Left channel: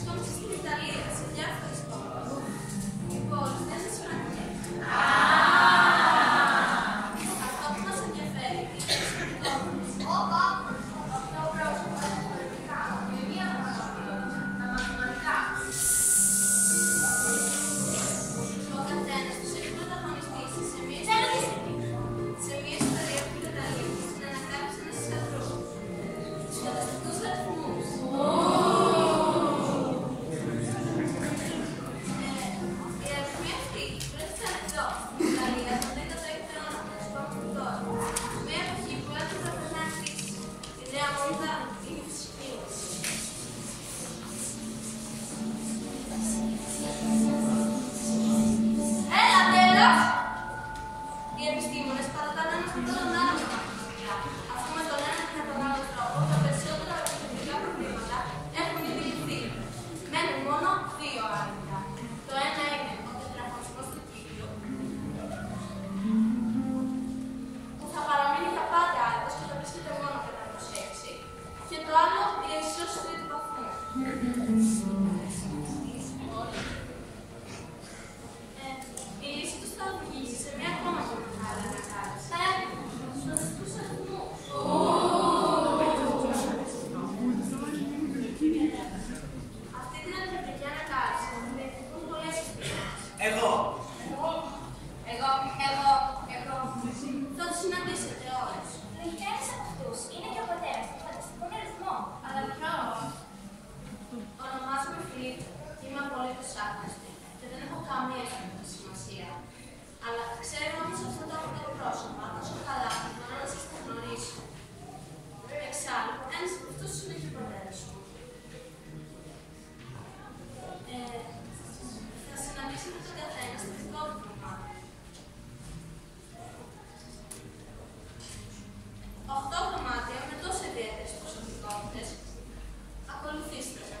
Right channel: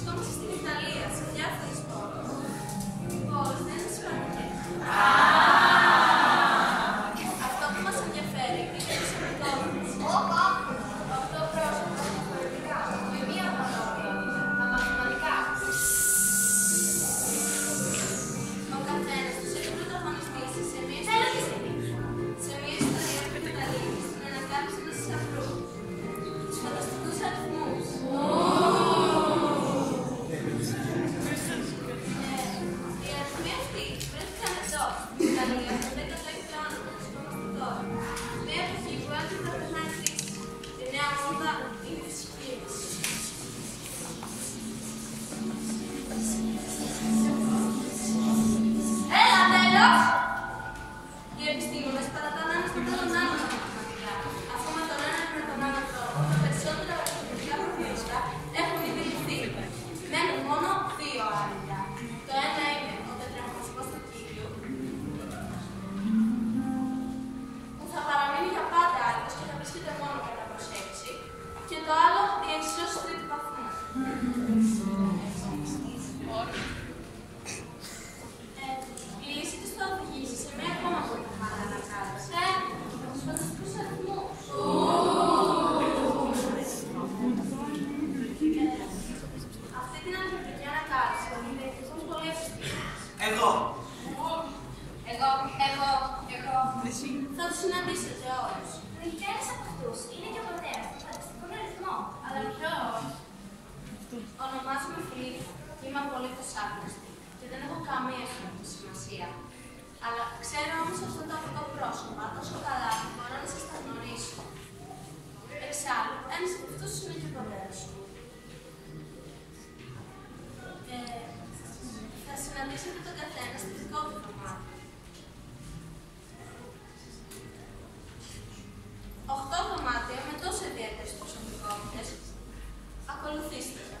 Βρισκόμαστε στην Ιταλία, σε διάφορες πόλεις. Οι πόλεις δεν είναι σημαντικές. Αυτό που μας ενδιαφέρει είναι η προσωπικότητες. 8 πρόσωπα διαφορετικά, με μία μονότητα, τα μαθηματικά. Ο καθένας τους έχει πρωταγωνιστήσει σε μία ιστορία που καταλήγει στην ανακάλυψη ενός θησαυρού. Τους φανταστικούς αριθμούς. Οι αριθμοί αυτοί βρέθηκαν εδώ, στην Ιταλία, τον 16ο αιώνα που βρισκόμαστε τώρα. Μια εποχή που έρχεται να περνάει κρίση. Η νέα μόδα είναι η φυσική μας. Έλα, τέλος! Οι επιστήμονες παρατάνε ένας με τον άλλο τα μαθηματικά, αφού με τον έναν και τον άλλο τρόπο τα περισσότερα αριθμητικά προβλήματα έχουν ήδη λυθεί. Μένουν μόνο 2 άρρητα. Το ένα είναι ο τετραγωνισμός του κύκλου, που θα παραμείνει για πάντα άρρητος και θα βρίσκεται μόνο κατά προσέξη, και το άλλο η εξίσωση τρίτου βαθμού. Η λύση τους θα οδηγήσει σε μια ακόμα πολύ μεγάλη ανακάλυψη. Τους φανταστικούς αριθμούς. Αυτή την αλγεβρική ανακάλυψη την εκτιμούν πολλοί επιστήμονες. Εγώ. Θα τους συναντήσετε όλους. Ένας από αυτούς είναι και ο πατέρας του φανταστικών αριθμών. Αλλά ποιος? Ονομάζομαι Φιλίππο και είμαι απολύτως άγνωστη και δεν έχω καμία αισθητική σημασία. Αλλά ξέρω όμως αυτά τα 8 πρόσωπα τόσο καλά που μπορώ να σας τα γνωρίσω. Εξάλλου, ένας από αυτούς είναι και ο πατέρας μου. Θα συναντήσετε τον καθένα στο δικό του δωμάτιο. 8 δωμάτια με τόσο ιδιαίτερες προσωπικότητες. Ακολουθήστε με.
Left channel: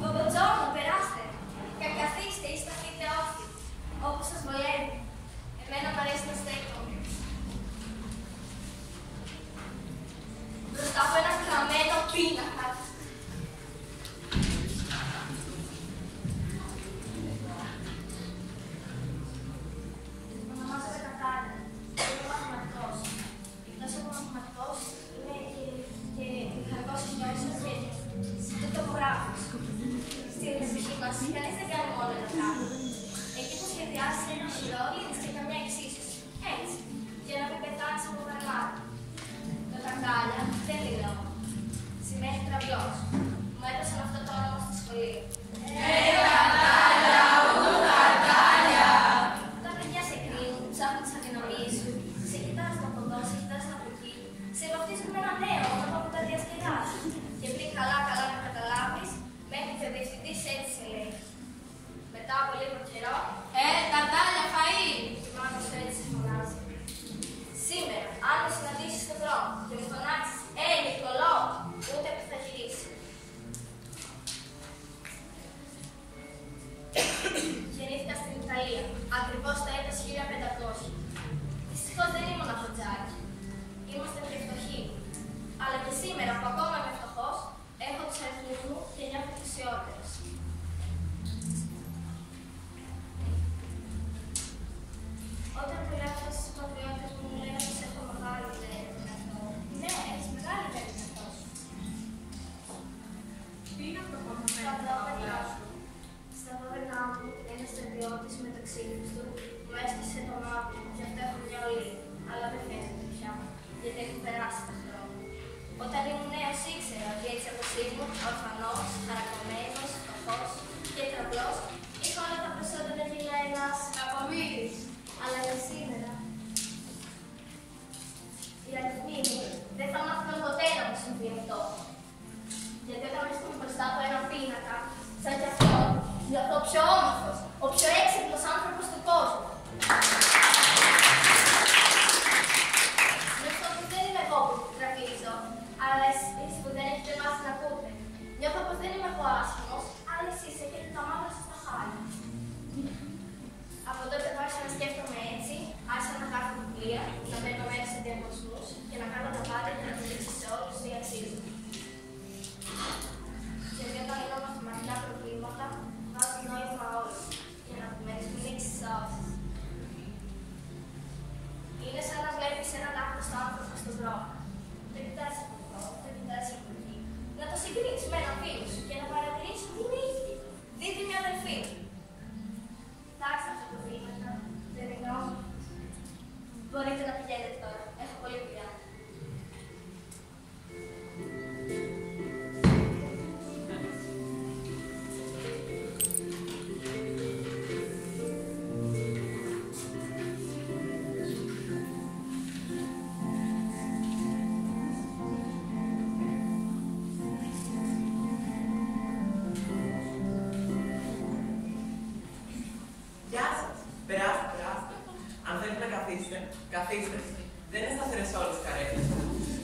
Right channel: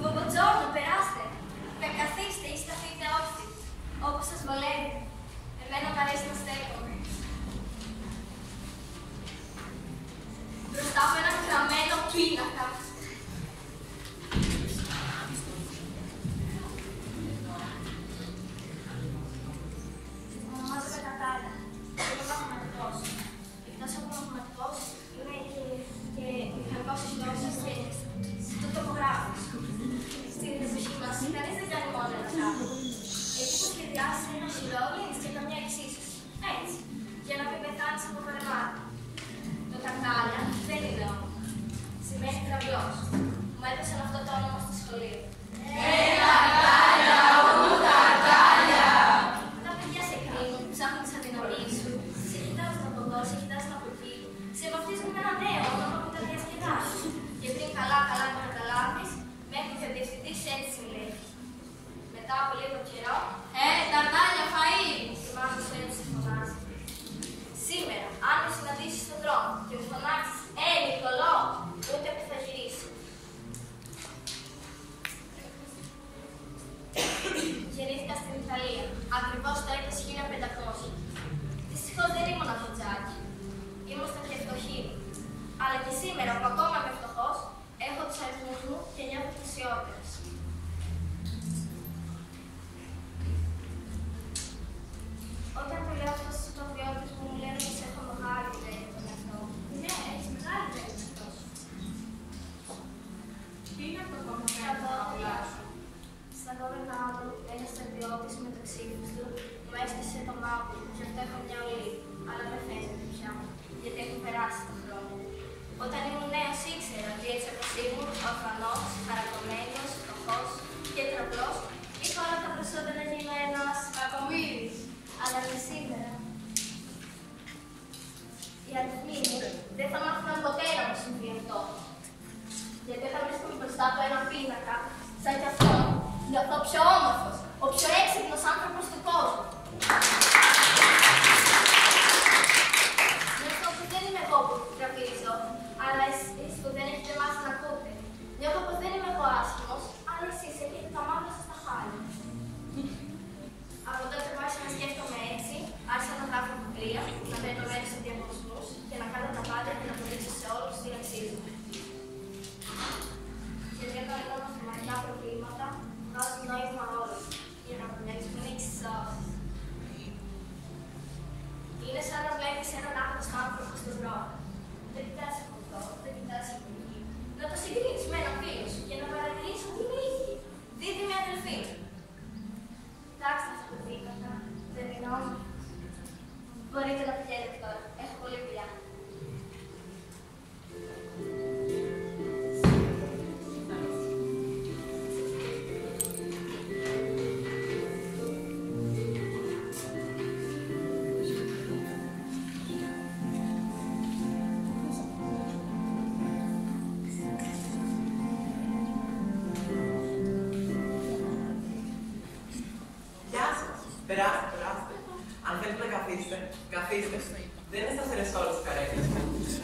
Buongiorno, περάστε. Καθίστε ή σταθείτε όρθιοι, όπως σας βολεύει. Εμένα μου αρέσει να στέκομαι. Μπροστά από ένα γραμμένο πίνακα. Ονομάζομαι Κατάλια. Είμαι μαθηματικός. Εκτός από μαθηματικός, είμαι και μηχανικός ιστορικός και τοπογράφος. Στην εποχή μας, κανείς δεν κάνει μόνο ένα πράγμα. Εκεί που σχεδιάζει ένα οχυρό, λύνεις και καμιά εξίσωση. Έτσι, για να μην πεθάνεις από γραμμάτι. Το Κατάλια δεν είναι όνομα. Σημαίνει κραυλός. Μου έδωσαν αυτό το όνομα στο σχολείο. Κατάλια, Κατάλια! Τα παιδιά σε κρίνουν, ψάχνουν τις αδυναμίες σου. Σε κοιτάζουν από εδώ, σε κοιτάζουν από εκεί. Σε βαφτίζουν με ένα νέο όνομα που τα διασκεδάζει. Και πριν καλά να καταλάβεις, μέχρι και ο διευθυντής έτσι σε λέει. Μετά από λίγο καιρό, Κατάλια, φαΐ! η μάνα σου έτσι σε φωνάζει. Σήμερα, αν με συναντήσεις στον δρόμο και μου φωνάξεις Νικολό, ούτε που θα γυρίσει. Γεννήθηκα στην Ιταλία, ακριβώς το έτος 1500. Δυστυχώς δεν ήμουν από τζάκι. Ήμασταν και φτωχοί. Αλλά και σήμερα που ακόμα είμαι φτωχός, έχω τους αριθμούς μου και νιώθω πλουσιότερος. Όταν το λέω αυτό στους πατριώτες μου, μου λένε πως έχω μεγάλη ιδέα για τον εαυτό μου. Ναι, έχεις μεγάλη ιδέα για τον εαυτό σου. Τι είναι αυτό που μου Στα 12 μου, ένας στρατιώτης με το ξύφος του μου έσκησε το μάτι μου, γι' αυτό έχω μια ολή. Αλλά δεν φαίνεται πια, γιατί έχουν περάσει τα χρόνια. Όταν ήμουν νέος ήξερα ότι έτσι όπως ήμουν, ορφανός, χαρακωμένος, φτωχός και τραυλός, είχα όλα τα προσόντα να γίνω ένας Κακομοίρης. αλλά και σήμερα. Οι αριθμοί μου δεν θα μάθουν ποτέ να μου συμβεί αυτό. Γιατί όταν βρίσκομαι μπροστά από ένα πίνακα, σαν κι αυτό, νιώθω ο πιο όμορφος, ο πιο έξυπνος άνθρωπος του κόσμου. Νιώθω ότι δεν είμαι εγώ που τραπίζω, αλλά εσείς που δεν έχετε μάθει να ακούτε. Νιώθω πως δεν είμαι εγώ άσχημος, αλλά εσείς έχετε τα μαύρα σας στα χάλια. Καθίστε. Δεν είναι σταθερές όλες τις καρέκλες.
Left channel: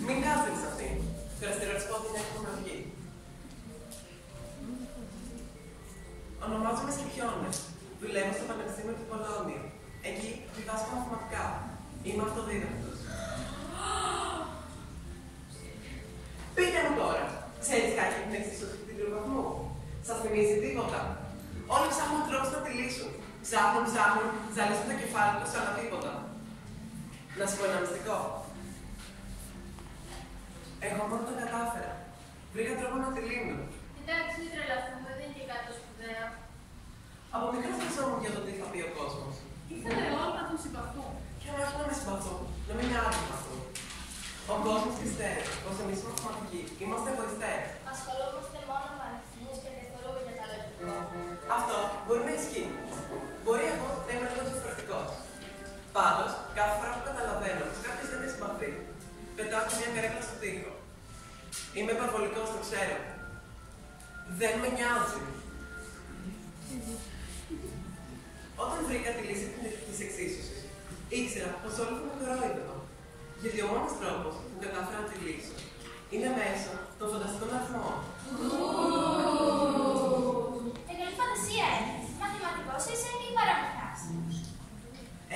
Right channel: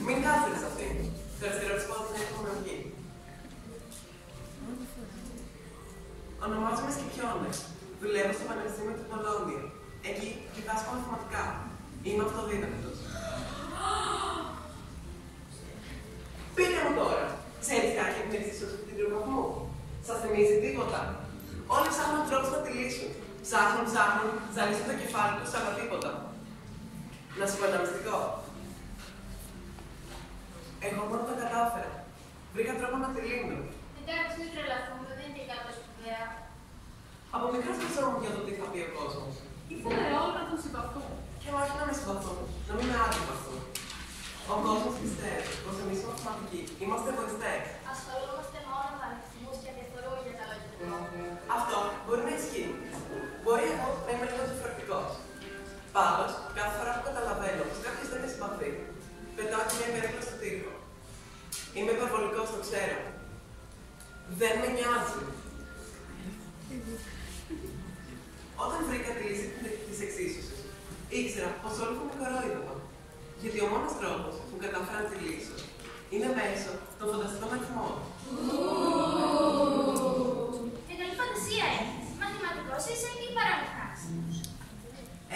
Μην κάθετε σε αυτήν. Το αριστερό της πόδι είναι έτοιμο να βγει. Ονομάζομαι Σκυπιώνες. Δουλεύω στο Πανεπιστήμιο του Πολώνιου. Εκεί διδάσκω μαθηματικά. Είμαι αυτοδίδακτος. Πείτε μου τώρα, ξέρεις κάτι για την εξίσωση του τριγκροβαθμού? Σας θυμίζει τίποτα? Όλοι ψάχνουν τρόπους να τη λύσουν. Ψάχνουν, ζαλίζουν το κεφάλι τους, αλλά τίποτα. Να σου πω ένα μυστικό. Εγώ μόνο το κατάφερα. Βρήκα τρόπο να τη λύνω. Εντάξει, μην τρελαθούμε, δεν είναι και κάτι σπουδαίο. Από μικρά σκεφτόμουν για το τι θα πει ο κόσμος. Ήθελε όλοι να τον συμπαθούν. Και όχι να με συμπαθούν, να μην με αντιπαθούν. Ο κόσμος πιστεύει πως εμείς οι μαθηματικοί είμαστε εγωιστές. Ασχολούμαστε μόνο με αριθμούς και διαφορούμε για τα λογικό. Αυτό μπορεί να ισχύει. Μπορεί εγώ να είμαι λίγο διαφορετικός. Πάντως, κάθε φορά που καταλαβαίνω πως κάποιος δεν με συμπαθεί, πετάω και μια καρέκλα στο τοίχο. Είμαι υπερβολικός, το ξέρω. Δεν με νοιάζει. Όταν βρήκα τη λύση της εξίσωσης, ήξερα πως όλοι θα με κορόιδευαν. Γιατί ο μόνος τρόπος που κατάφερα να τη λύσω είναι μέσω των φανταστικών αριθμών. Καλή φαντασία έχεις. Μαθηματικός είσαι ή παραμυθάς?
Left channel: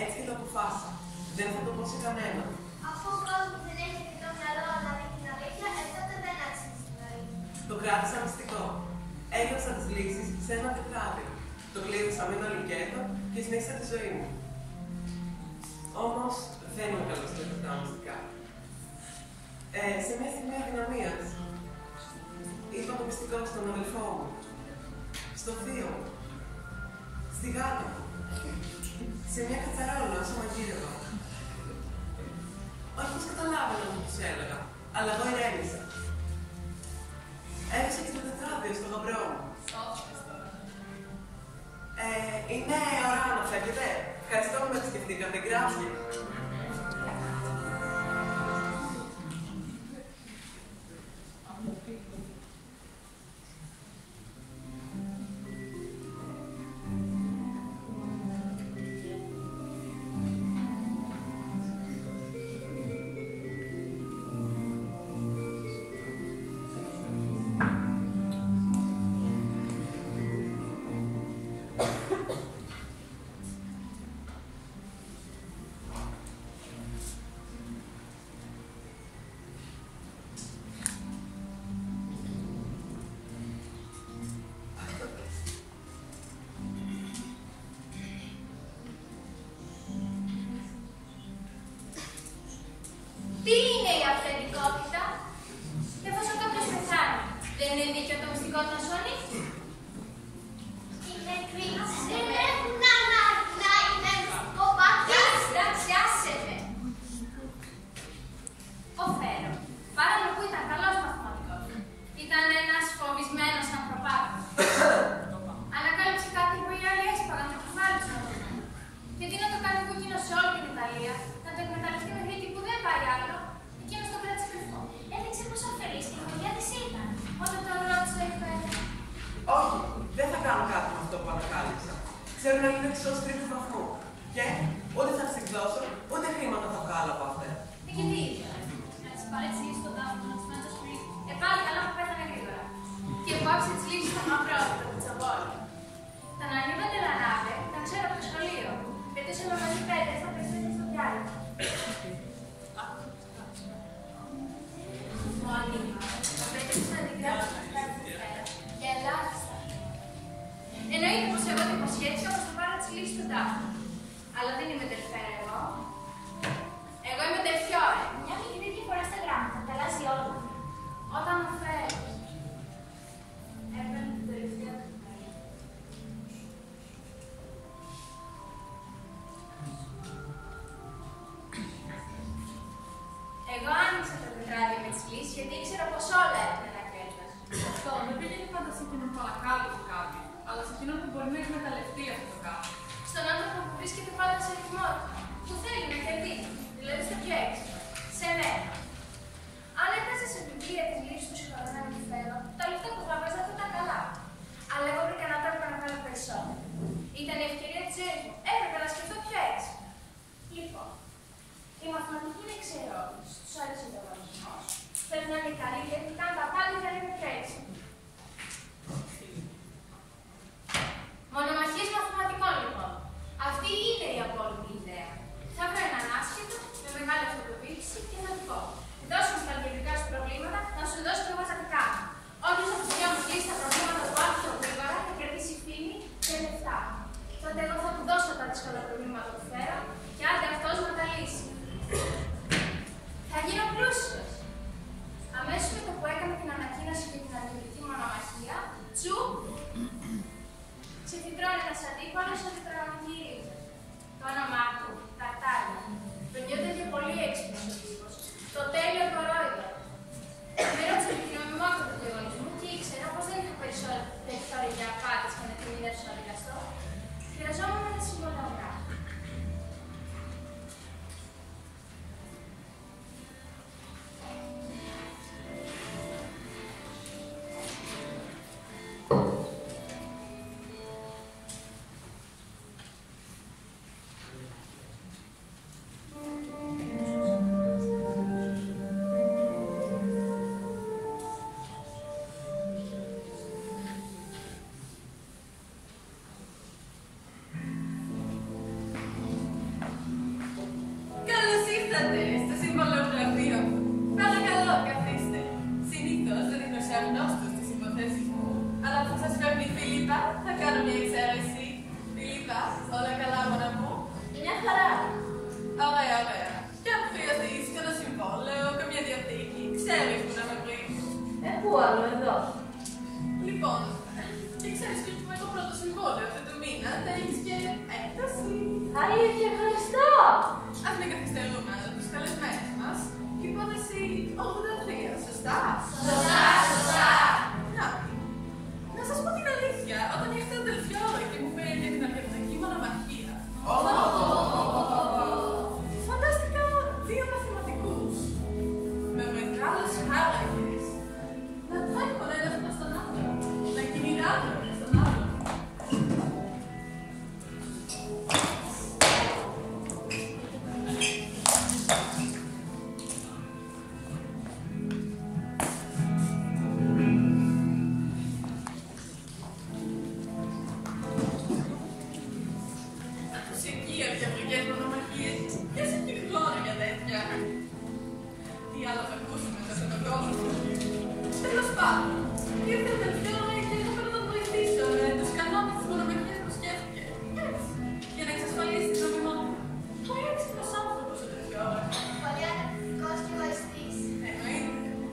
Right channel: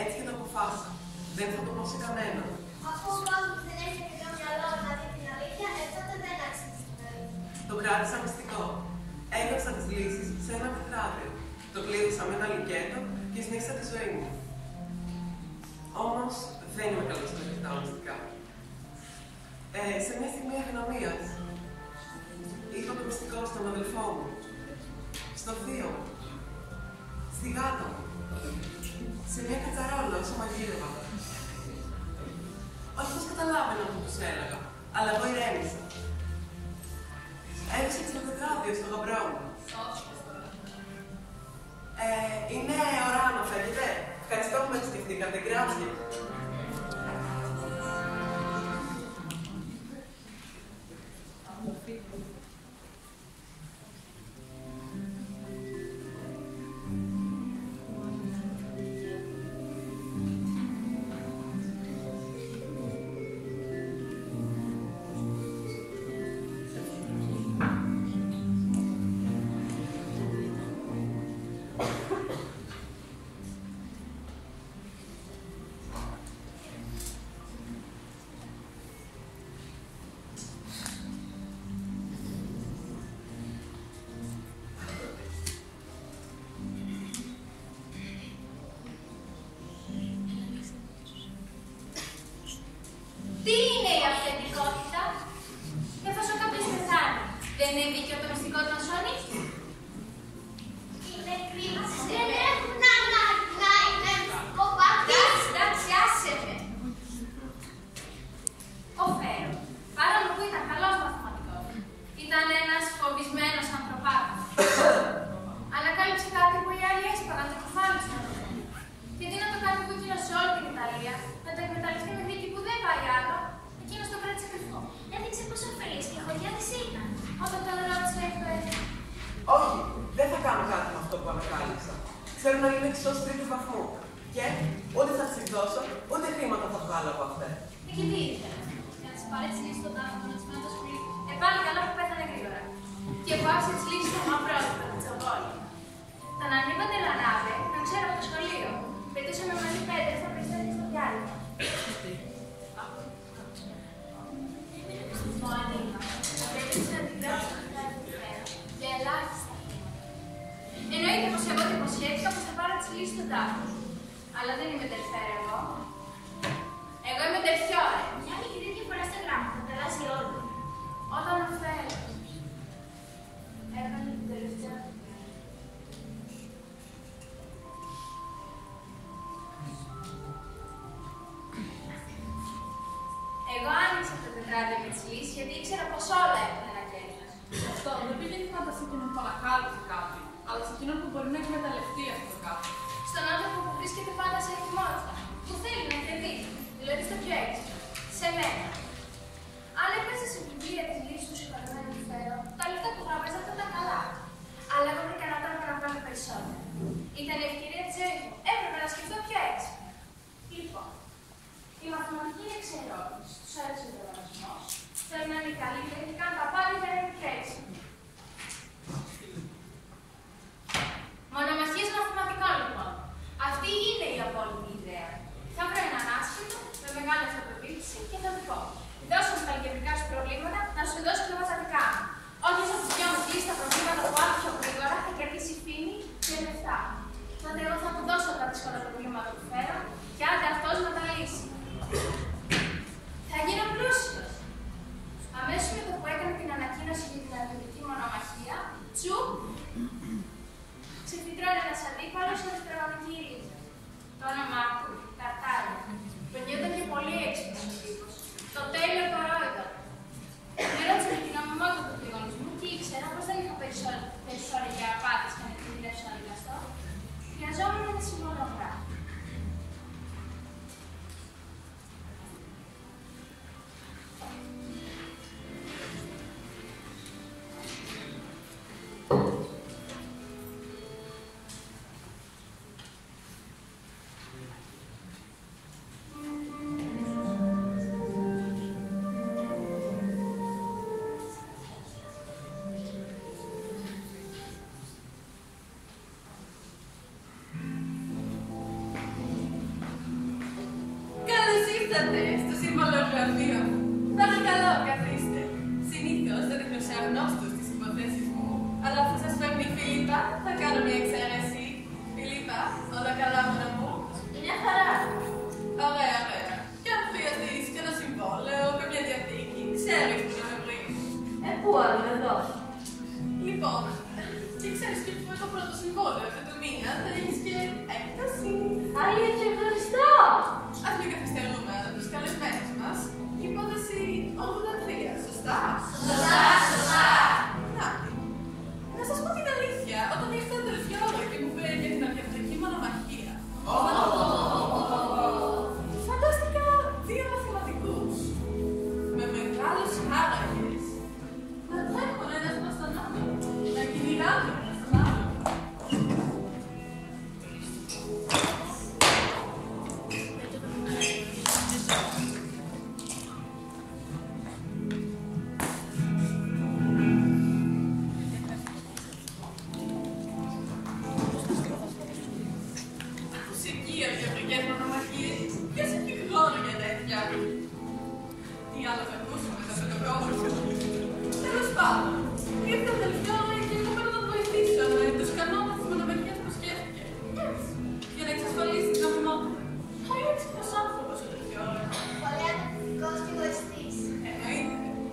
Έτσι και το αποφάσισα. Δεν θα το πω σε κανέναν. Αφού ο κόσμος δεν έχει αρκετό μυαλό να δει την αλήθεια, τότε δεν αξίζει την αλήθεια. Το κράτησα μυστικό. Έγραψα τις λύσεις σε ένα τετράδιο. Το κλείδωσα με ένα λουκέτο και συνέχισα τη ζωή μου. Όμως δεν είμαι καλός στα λεπτά μυστικά. Σε μια στιγμή αδυναμίας, είπα το μυστικό στον αδελφό μου, στο θείο μου, στη γάτα μου, σε μια κατσαρόλα όσο μαγείρευα. Όχι πως καταλάβαινα που τους έλεγα, αλλά εγώ ηρέμησα. Έδωσα και το τετράδιο στο γαμπρό μου. Είναι ώρα να φεύγετε. Ευχαριστώ που με επισκεφτήκατε. Γκράζια. Τι είναι η αυθεντικότητα? Εφόσον κάποιος πεθάνει, δεν είναι δίκαιο το μυστικό του να σώνει? Οι νεκροί δεν έχουν ανάγκη να είναι μυστικό πάντα. Εντάξει, άσε με. Ο Φέρο, παρόλο που ήταν καλός μαθηματικός, ήταν ένας φοβισμένος ανθρωπάκος. Ανακάλυψε κάτι που οι άλλοι έσπαγαν το κεφάλι τους να το δουν. Και τι να το κάνει που εκείνος σε όλη την Ιταλία, να το εκμεταλλευτεί με δίκη που δεν πάει άλλο, εκείνος το κράτησε κρυφό. Έδειξε πόσο αφελής και χωριά της ήταν, όταν τον ρώτησε λέει Όχι, δεν θα κάνω κάτι με αυτό που ανακάλυψα. Ξέρω να λύνω εξώσεις τρίτου βαθμού. Και ούτε θα τις εκδώσω, ούτε χρήματα θα βγάλω από αυτά. και τι ήθελε, να της παρεξηγήσει τον τάφο των ασμένων σχολείων. Πάλι καλά που πέθανε γρήγορα. Και που άφησε τις λύσεις στο μαυρό του Πιτσοβόλου. Τον Ανίβα Ντελανάβε, τον ξέρω από το σχολείο. Πετούσε με μαζί πέτρες στα περιστέρια στο διάλειμμα. Ο Ανίβα απέτρεψε να την γράψει στο πλάι του Φέρο για ελάχιστα. Εννοείται πως εγώ την υποσχέθηκα πως θα πάρω τις λύσεις στον τάφο. Αλλά δεν είμαι τερφέρα εγώ. Εγώ είμαι τερφιόρε. Μια μικρή διαφορά στα γράμματα, τα αλλάζει όλα. Όταν ο Φέρος έβαλε την τελευταία του μέρα. Εγώ άνοιξα το τετράδιο με τις λύσεις γιατί ήξερα πως όλα έχουν ένα κέρδος. Αυτό δεν πηγαίνει πάντα σε εκείνον που ανακάλυψε κάτι, αλλά σε εκείνον που μπορεί να εκμεταλλευτεί αυτό το κάτι. Στον άνθρωπο που βρίσκεται πάντα σε ετοιμότητα, που θέλει να κερδίσει, δηλαδή στο πιο έξυπνο, σε μένα. Αν έπαιζε σε βιβλία τη λύση του συγχωρεμένου του Φέρο, τα λεφτά που θα έβαζα θα ήταν καλά. Αλλά εγώ βρήκα ένα τρόπο να βγάλω περισσότερο. Ήταν η ευκαιρία τη ζωή μου. Έπρεπε να σκεφτώ πιο έξυπνα. Λοιπόν, όλα τα προβλήματα που φέρω και άντε αυτός να τα λύσει. Θα γίνω πλούσιος. Αμέσως με το που έκανα την ανακοίνωση για την αλγебρική μονομαχία, τσουπ, ξεφυτρώνει ένας αντίπαλος με τετραγωνική ρίζα. Το όνομά του, Ταρτάλια. Περνιόταν και πολύ έξυπνος ο τύπος. Το τέλειο κορόιδο. Με ρώτησε με την νομιμότητα του διαγωνισμού και ήξερα πως δεν είχα περιθώρια για απάτες και να τιμηρεύσω να δικαστώ. Χρειαζόμουν ένα συμβολόγραφο. Στο συμβολογραφείο μου. Παρακαλώ, καθίστε. Συνήθως δεν δείχνω σε αγνώστους τις υποθέσεις μου, αλλά αφού σας φέρνει η Φίλιππα, θα κάνω μια εξαίρεση. Φίλιππα, όλα καλά, μόνα μου? Μια χαρά. Ωραία, ωραία. Και αν χρειαστείς κανένα συμβόλαιο, καμιά διαθήκη, ξέρεις που να με βρεις. Πού άλλο, εδώ. Λοιπόν, και ξέρεις και με το πρώτο συμβόλαιο αυτού του μήνα θα έχεις και έκταση. Άγια και ευχαριστώ. Ας μην καθυστερούμε, αλλά τους καλεσμένους μας. Υπόθεση 83, σωστά? Σωστά. Να σας πω την αλήθεια, όταν ήρθε ο Τελφιόρη και μου πήρε για την αλγебρική μονομαχία, φαντάστηκα δύο μαθηματικούς με μεγάλους χάρακες να τρέχουν ένας προς τον άλλο, να κυνηγάνε ένας τον άλλο.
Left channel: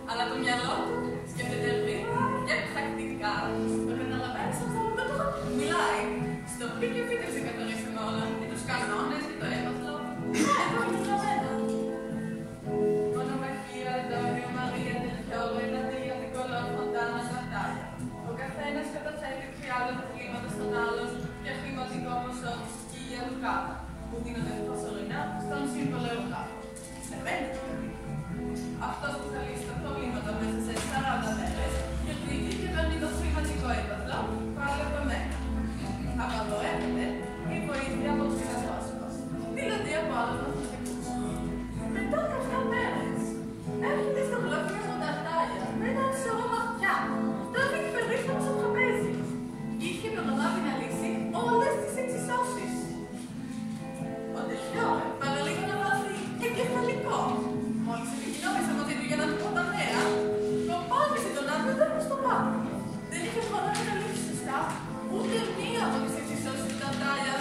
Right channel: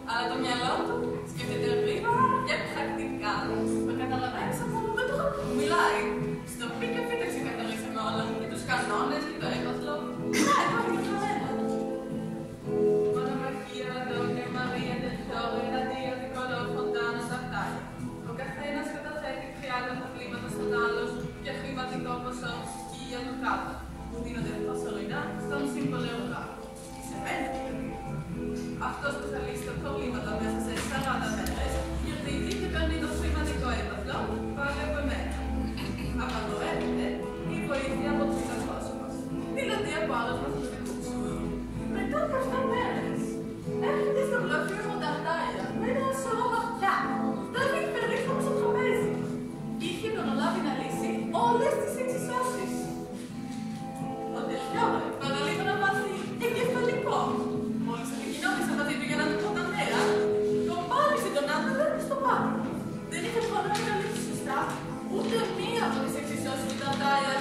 Αλλά το μυαλό του σκέφτεται γρήγορα και πρακτικά. Το καταλαβαίνεις αυτό με το που μιλάει. Στο πι και φύτε ξεκαθαρίσαμε όλα. Και τους κανόνες και το έπαθλο. Εδώ είναι γραμμένα. Μονομαχία, Αντώνιο, Μαρία, Τελφιόρη, Αντίο, Νικολό, Φοντάνα, Ταρτάλια. Ο καθένας καταθέτει 30 προβλήματα στον άλλον για χρηματικό ποσό σκία του κάτω, που δίνονται προσωρινά στον συμβολεογράφο. Σε μένα δηλαδή. Αυτός που θα λύσει τα προβλήματα μέσα σε 40 μέρες κερδίζει και παίρνει το χρηματικό έπαθλο πάλι από εμένα. Απαγορεύεται η βοήθεια από τους πρόσωπους, δηλαδή από άλλους μαθηματικούς. Μετά από 7 μέρες έρχεται στο γραφείο μου Ταρτάλια με ένα σωρό χαρτιά. Τα αφήνει περίπτωση στο τραπέζι. Είχε προλάβει να λύσει όλες τις εξισώσεις. Ο Τελφιόρη παραλίγο να μάθει εγκεφαλικό. Μόλις επικοινώνησα μαζί του για να του πω τα νέα, το πάνησε τον άπεδο στο πάνω. Δεν είχε χρόνο να λύσει σωστά ούτε μία από τις εξισώσεις του Ταρτάλια.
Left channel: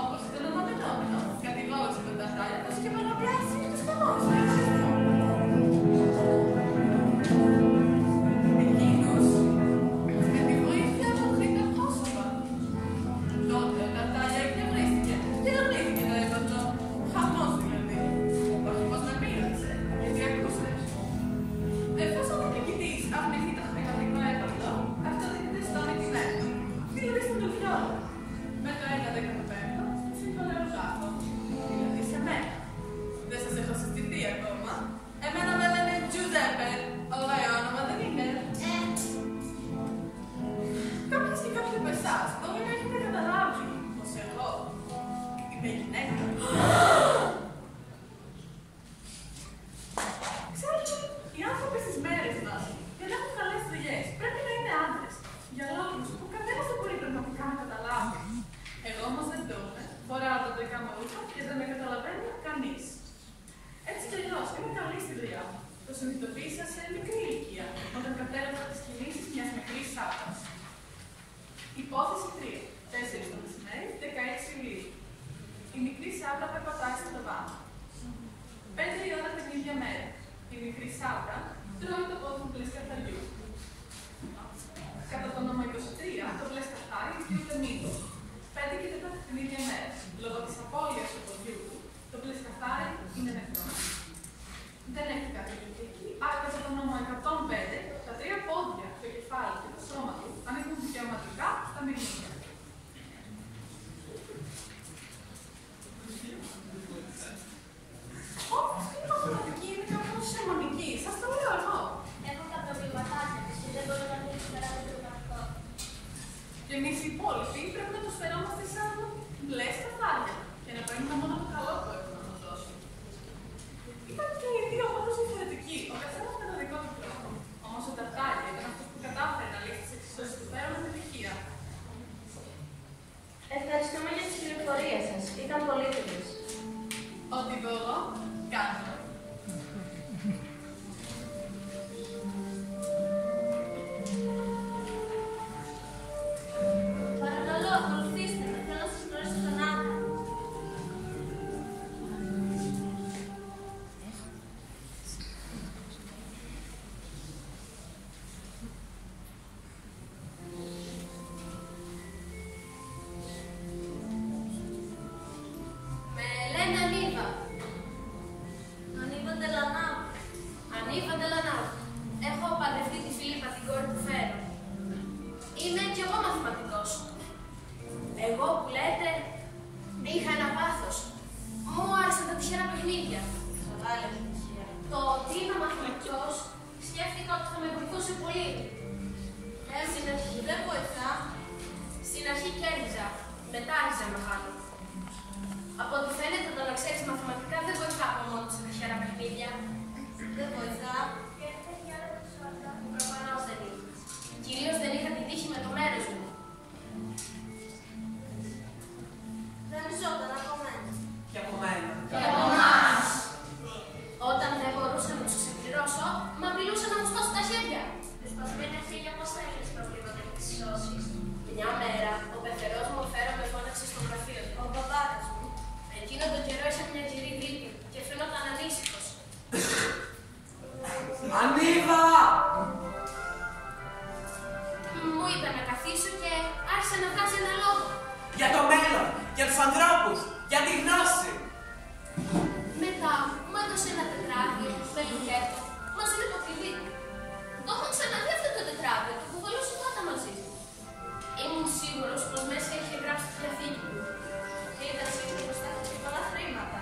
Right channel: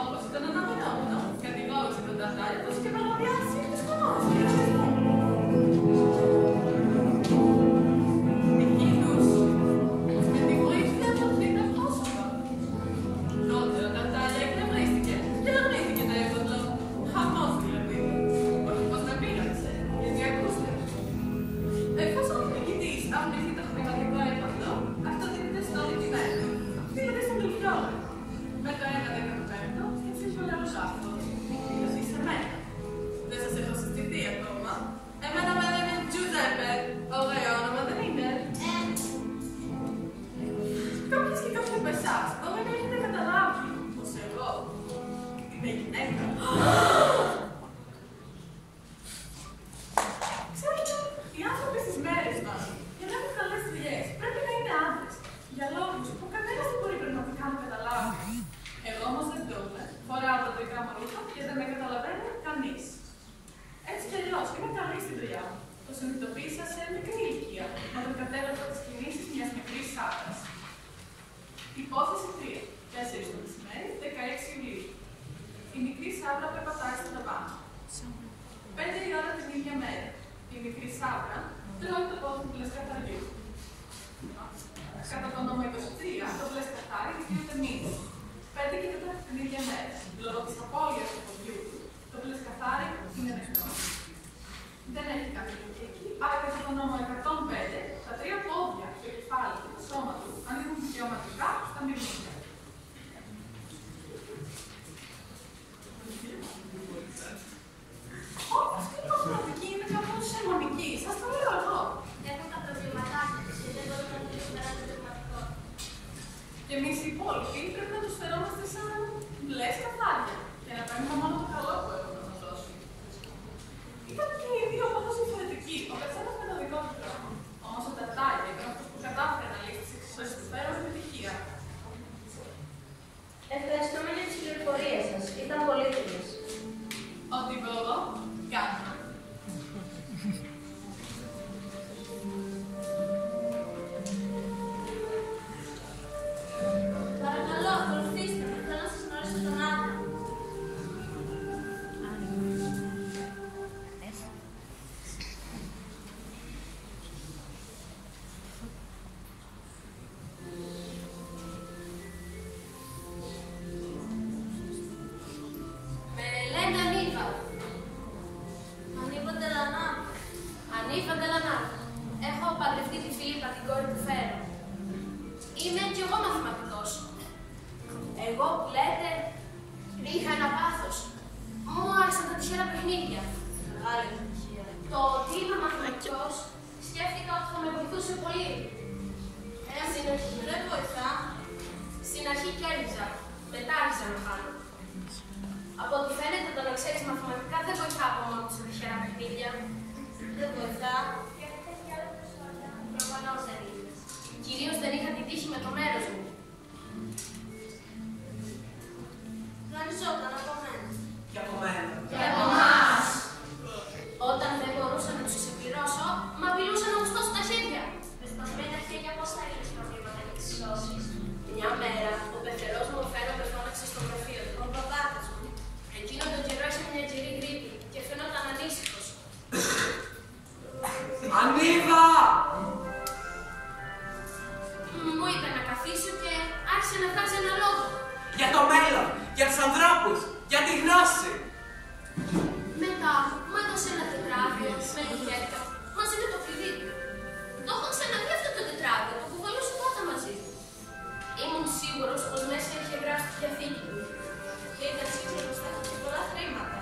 Όπως ήταν αναμενόμενο, κατηγόρησε τον Ταρτάλια πως είχε παραβιάσει τους κανόνες του λογισμού. Εκείνος, με τη βοήθεια από τρίτα πρόσωπα. Τότε ο Ταρτάλια εκνευρίστηκε και αρνήθηκε το έπαθλο. Χαμός δηλαδή. Όχι πως με πείραξε, γιατί ακούστε. Εφόσον ο νικητής αρνηθεί το χρηματικό έπαθλο, αυτό δίνεται στον νικημένο, δηλαδή στον Τελφιόρη. Με το 1/15 στην συμβολεογράφο, δηλαδή σε μένα. Δεν σας έχω συστηθεί ακόμα. Εμένα με λένε Τζουζέπε. Ωραίο όνομα δεν είναι? Κάποιες και κάποιοι από εσάς μπορεί να έχετε καταλάβει πως εγώ είμαι γυναίκα. Ξέρετε, οι άνθρωποι στις μέρες μας, για να έχουν καλές δουλειές, πρέπει να είναι άντρες. Για λόγους που κανένας δεν μπορεί πραγματικά να καταλάβει. Εγώ όμως δεν το είμαι. Φοράω τα δικά μου ρούχα και δεν με καταλαβαίνει κανείς. Έτσι κι αλλιώς, είμαι καλή στη δουλειά μου. Το συνειδητοποίησα σε μικρή ηλικία, όταν κατέγραφα τις κινήσεις μιας μικρής άντρας. Υπόθεση 3. 4 το μεσημέρι, Σάβρα περπατάει στην ταβάνη. 5 η ώρα την ίδια μέρα. Η μικρή Σάβρα τρώει το πόδι του μπλε καθαριού. Κατά το νόμο 23, το μπλε καθάρι δικαιούται μήνυμα. 5 και 4 την ίδια μέρα. Λόγω της απώλειας του ποδιού του, το μπλε καθάρι είναι νεκρό. Δεν έχει κάποια λογική, άρα κατά το νόμο 105, τα 3 πόδια, το κεφάλι και το σώμα του ανήκουν δικαιωματικά στα μυρμήγκια. Αυτή η μαθηματική είναι κάπως σερμονική. Σας το λέω εγώ. Έχω τα προβλήματά μου και δεν μπορώ να το περάσω το μαθηματικό. Και εμείς οι υπόλοιποι πρέπει να τους φερόμαστε σαν μπλε καθάρια και να παίρνουμε μόνο το καλό που έχουν να μας δώσουν. Ήταν και οι δύο πάντως διαφορετικοί, ο καθένας με τον δικό του τρόπο. Όμως ο Ταρτάγια ήταν αυτός που κατάφερε να λύσει τις εξισώσεις του Φέρο με επιτυχία. Ευχαριστούμε για τις πληροφορίες σας. Ήταν πολύτιμες. Ό,τι μπορώ, κάνω. Παρακαλώ, ακολουθήστε με. Θέλω να σας γνωρίσω τον άντρα. Με λένε Ανίβα. Ανίβα Ντελανά. Ανίβα Ντελανά. Έχω παντρευτεί τη Φιλίππα, την κόρη του Φέρο. Είμαι κι εγώ μαθηματικός. Εγώ που λέτε, είχα ένα πάθος. Μου άρεσαν τα τυχερά παιχνίδια. Μεγάλη επιτυχία. Το ότι είμαι μαθηματικός, σκέφτηκα ότι θα με βοηθούσε πολύ. Στην αρχή δεν βοηθά. Στην αρχή κέρδιζα. Μετά άρχισα να χάνω. Από ό,τι φαίνεται, το να ξέρεις μαθηματικά δεν βοηθά από μόνο στα τυχερά παιχνίδια. Δεν βοηθά. Προφανώς δεν είναι. Κυρίως δεν είχα την τύχη με το μέρος μου. Δανειζόταν από μένα. Και από μένα. Και από εμάς. Όταν δεν μπορούσα να τους ξεπληρώσω, μ' απειλούσαν να μου σπάσω τα χέρια. Με σπασμένα χέρια πώς θα λύνεις προβλήματα και τις σώσεις. Μια μέρα, ο πεθερός μου Φέρο με φώναξε στο γραφείο του. Ο παπάτας μου. Εκείνο τον καιρό είχε μια κυρή γρήπη και φαινόταν ανήσυχος. Ανίβα! Μου είπε να καθίσω και άρχισε να βγάζει ένα λόγο. Για το μέλλον, για τους ανθρώπους, για τη γνώση. Μετά μου έδωσε ένα τετράδιο με λουκέτο μαζί με το κλειδί του. Το έχω ξαναδεί αυτό το τετράδιο, το κουβαλούσε πάντα μαζί του. Ήμουν σίγουρος πως μέσα είχε γράψει τη διαθήκη του. Και ήταν σίγουρος πως θα είχε και πολλά χρήματα.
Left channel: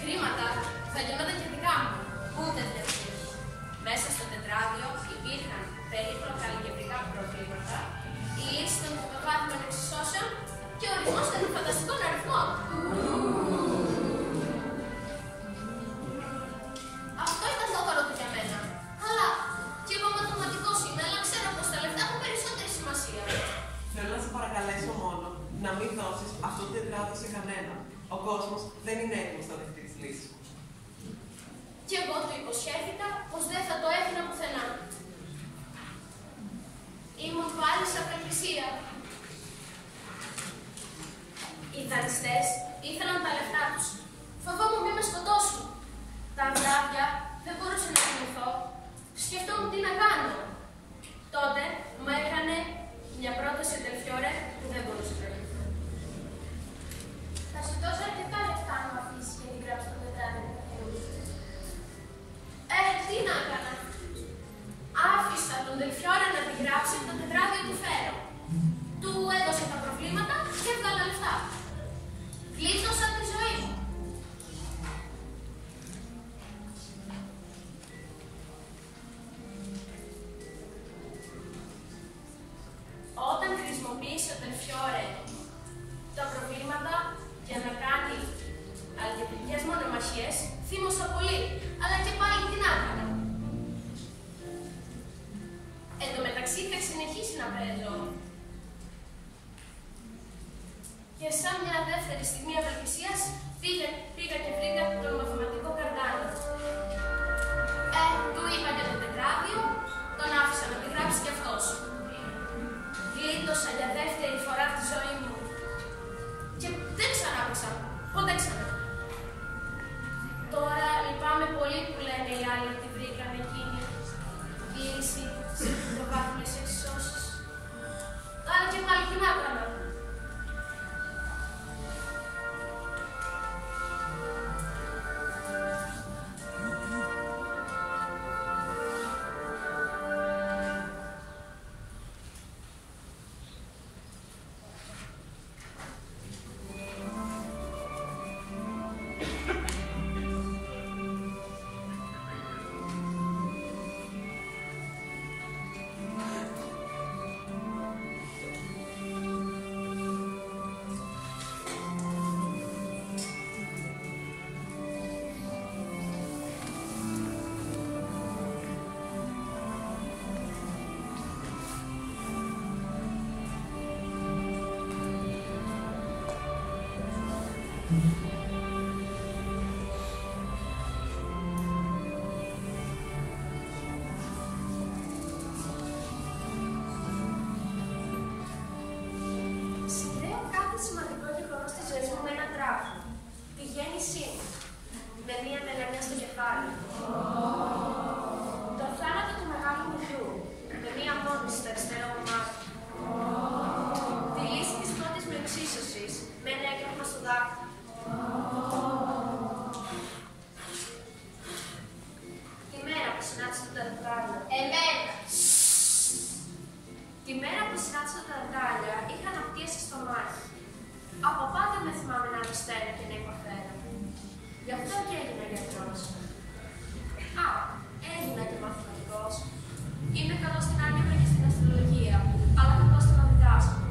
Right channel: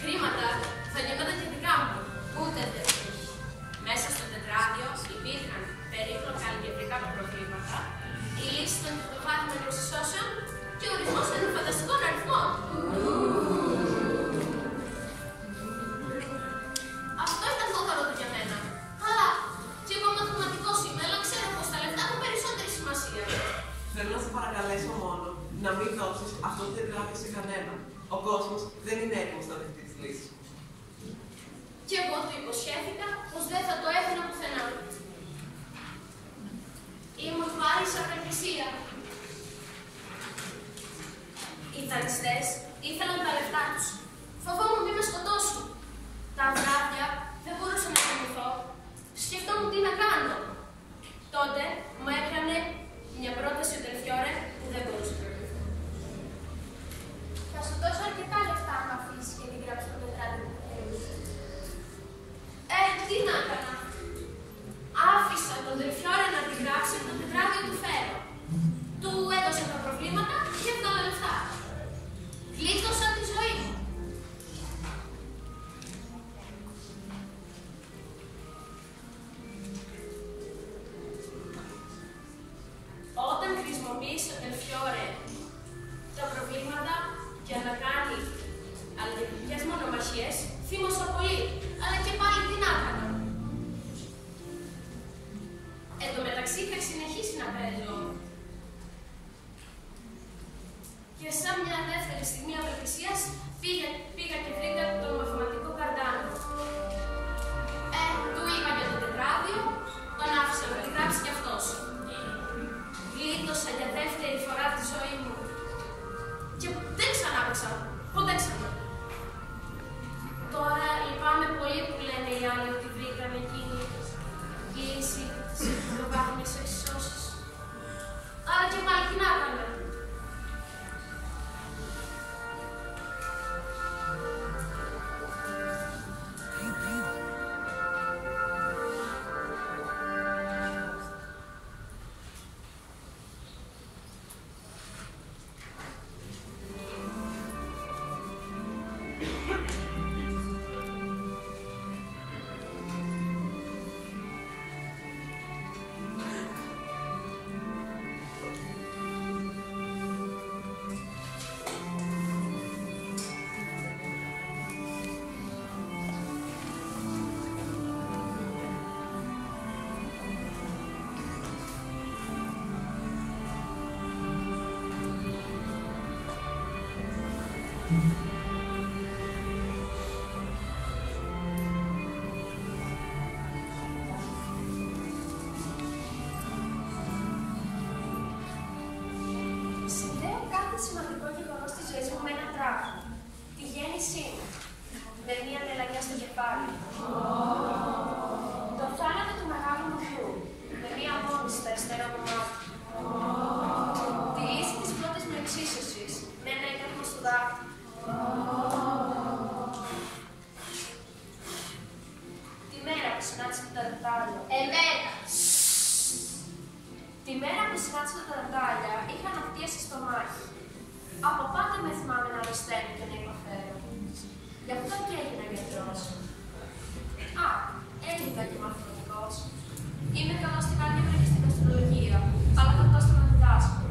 Χρήματα θα γινόταν και δικά μου. Ούτε τέτοια. Μέσα στο τετράδιο υπήρχαν περίπλοκα αλγεβρικά προβλήματα, η λύση των τριτοβάθμιων εξισώσεων και ο ορισμός των φανταστικών αριθμών. Αυτό ήταν το δώρο του για μένα. Αλλά και εγώ μαθηματικός είμαι, αλλά ξέρω πως τα λεφτά έχουν περισσότερη σημασία. Θέλω να σε παρακαλέσω μόνο να μην δώσεις αυτό το τετράδιο σε κανέναν. Ο κόσμος δεν είναι έτοιμος να δεχτεί τις λύσεις μου. Και εγώ του υποσχέθηκα πως δεν θα το έδινα πουθενά. Ήμουν πάλι σε απελπισία. Οι δανειστές ήθελαν τα λεφτά τους. Φοβόμουν μη με σκοτώσουν. Τα βράδια δεν μπορούσα να κοιμηθώ. Σκεφτόμουν τι να κάνω. Τότε μου έκανε μια πρόταση ο Τελφιόρε που δεν μπορούσα να κοιμηθώ. Θα σου δώσω αρκετά λεφτά να αφήσεις και την γράψεις το τετράδιο που θέλεις. Τι να έκανα. Άφησα τον Τελφιόρε να τη γράψει το τετράδιο του Φέρο. Του έδωσε τα προβλήματα και έβγαλα λεφτά. Γλίτωσα τη ζωή μου. Όταν χρησιμοποίησε ο Τελφιόρε τα προβλήματα για να κάνει αλγεβρικές μονομαχίες, θύμωσα πολύ, αλλά και πάλι τι να έκανα. Εν τω μεταξύ θα συνεχίσει να παίζω. Και σαν μια δεύτερη στιγμή απελπισίας πήγα και βρήκα τον μαθηματικό Καρδάνο. Του είπα για το τετράδιο, τον άφησα να τη γράψει κι αυτός. Γλίτωσα για δεύτερη φορά τη ζωή μου. Και δεν ξανάπαιξα. Ποτέ ξανά. Τώρα λυπάμαι πολύ που λένε οι άλλοι ότι βρήκαν εκείνη η λύση σε πρωτοβάθμιες εξισώσεις. Άρα και πάλι τι να έκανα. Συνδέω κάθε σημαντικό γεγονός της ζωής μου με έναν τρόπο. Τη γέννησή μου. Με μία μελανιά στο κεφάλι. Το θάνατο του μεγάλου μου γιου. Με μία μόνη στο αριστερό μου μάτι. Τη λύση της πρώτης μου εξίσωσης. Με ένα έγγραφο στο δάχτυλο. Τη μέρα που συνάντησα το τατάρια. Εμένα. Τη μέρα που συνάντησα τα τατάρια είχα αναπτύσσει στο μάχη. Από πάντα με θυμάμαι να αρρωσταίνω και να υποφέρω. Γι' αυτό και έγινα γιατρός. Α, έγινα και μαθηματικός. Είμαι καλός στην άλγευρα και στην αστρολογία, αλλά κακός στο να διδάσκω.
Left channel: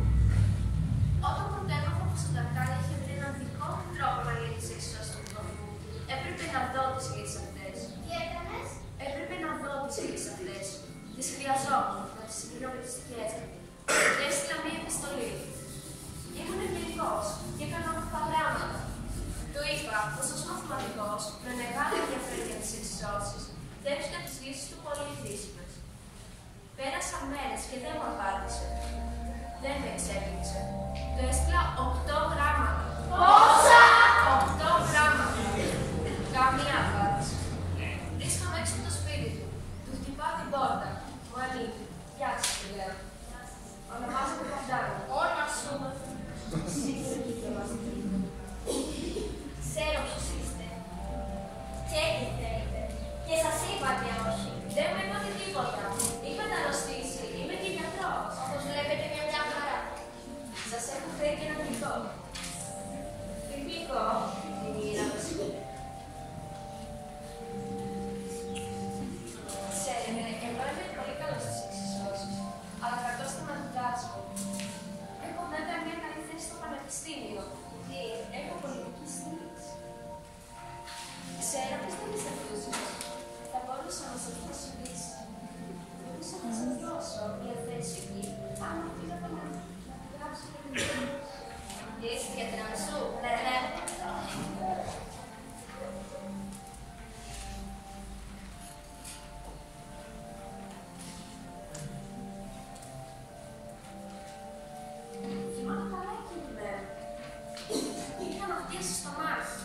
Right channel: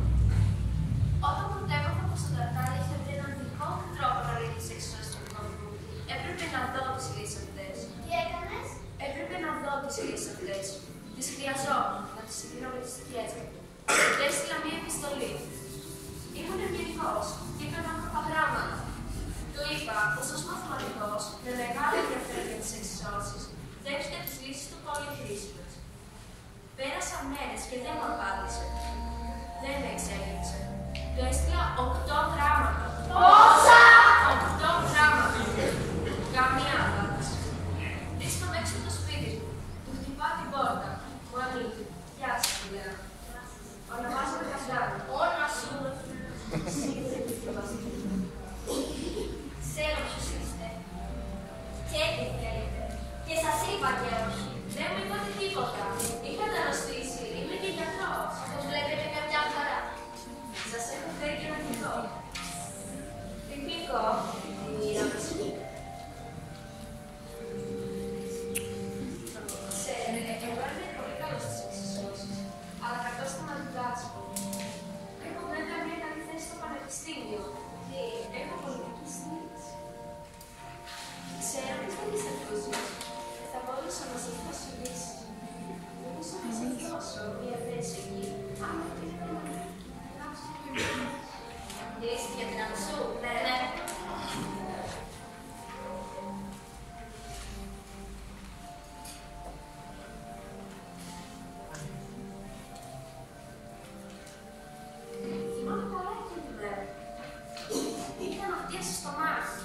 Όταν πρωτέμαθα πως τα τατάρια είχε βρει έναν δικό του τρόπο να λύνει τις εξισώσεις του κόσμου, έπρεπε να δω τις λύσεις αυτές. Τι έκανες? Έπρεπε να δω τις λύσεις αυτές. Τις χρειαζόμουν, να τις συγκρίνω με τις δικές μου. Και έστειλα μία επιστολή. Ήμουν ευγενικός και έκανα προγράμματα. Του είπα πως ως μαθηματικός, με μεγάλο ενδιαφέρον για τις εξισώσεις, θα έβρισκα τις λύσεις του πολύ χρήσιμες. Πέρασαν μέρες και δεν μου απάντησε. Δεν με εξέπληξε. Του έστειλα 8 γράμματα. Πόσα? 8 γράμματα. Καμία απάντηση. Βρίσκομαι έξω από το σπίτι του. Του χτυπάω την πόρτα. Μου ανοίγει. Γεια σας, του λέω. Ονομάζομαι Καστάνη. Όνομα σου. Σίγουρα και διαβαστή. Ξέρω ποιος είστε. Και τι θέλετε. Και σας είπα και όχι. Δεν μου είπατε τίποτα. Είχα αρρωστήσει. Είμαι και γιατρός. Όπως βλέπετε με μια χαρά. Σας έχω φέρει και ένα γλυκό. Τι γλυκό? Η λαμπεσού. Ξέρετε, εγώ είμαι πολύ καλός στις εξισώσεις, αλλά κακός στο να διδάσκω. Έχω βέβαια μια καλή θέση στο πανεπιστήμιο. Έχω πολιτική στήριξη. Ξέρω ποιες δεν τις ακούσουν. Θα μπορούσα να σας δώσω λύση. Μπορούσα να σας δώσω μια θέση εκεί, αν μου πήρατε να γράψετε βιβλίο. Λύση για την αμεσού. Ναι. Θυμάμαι καλά εκείνη τη μέρα. Είχα αναπτύσσει στο μάχη.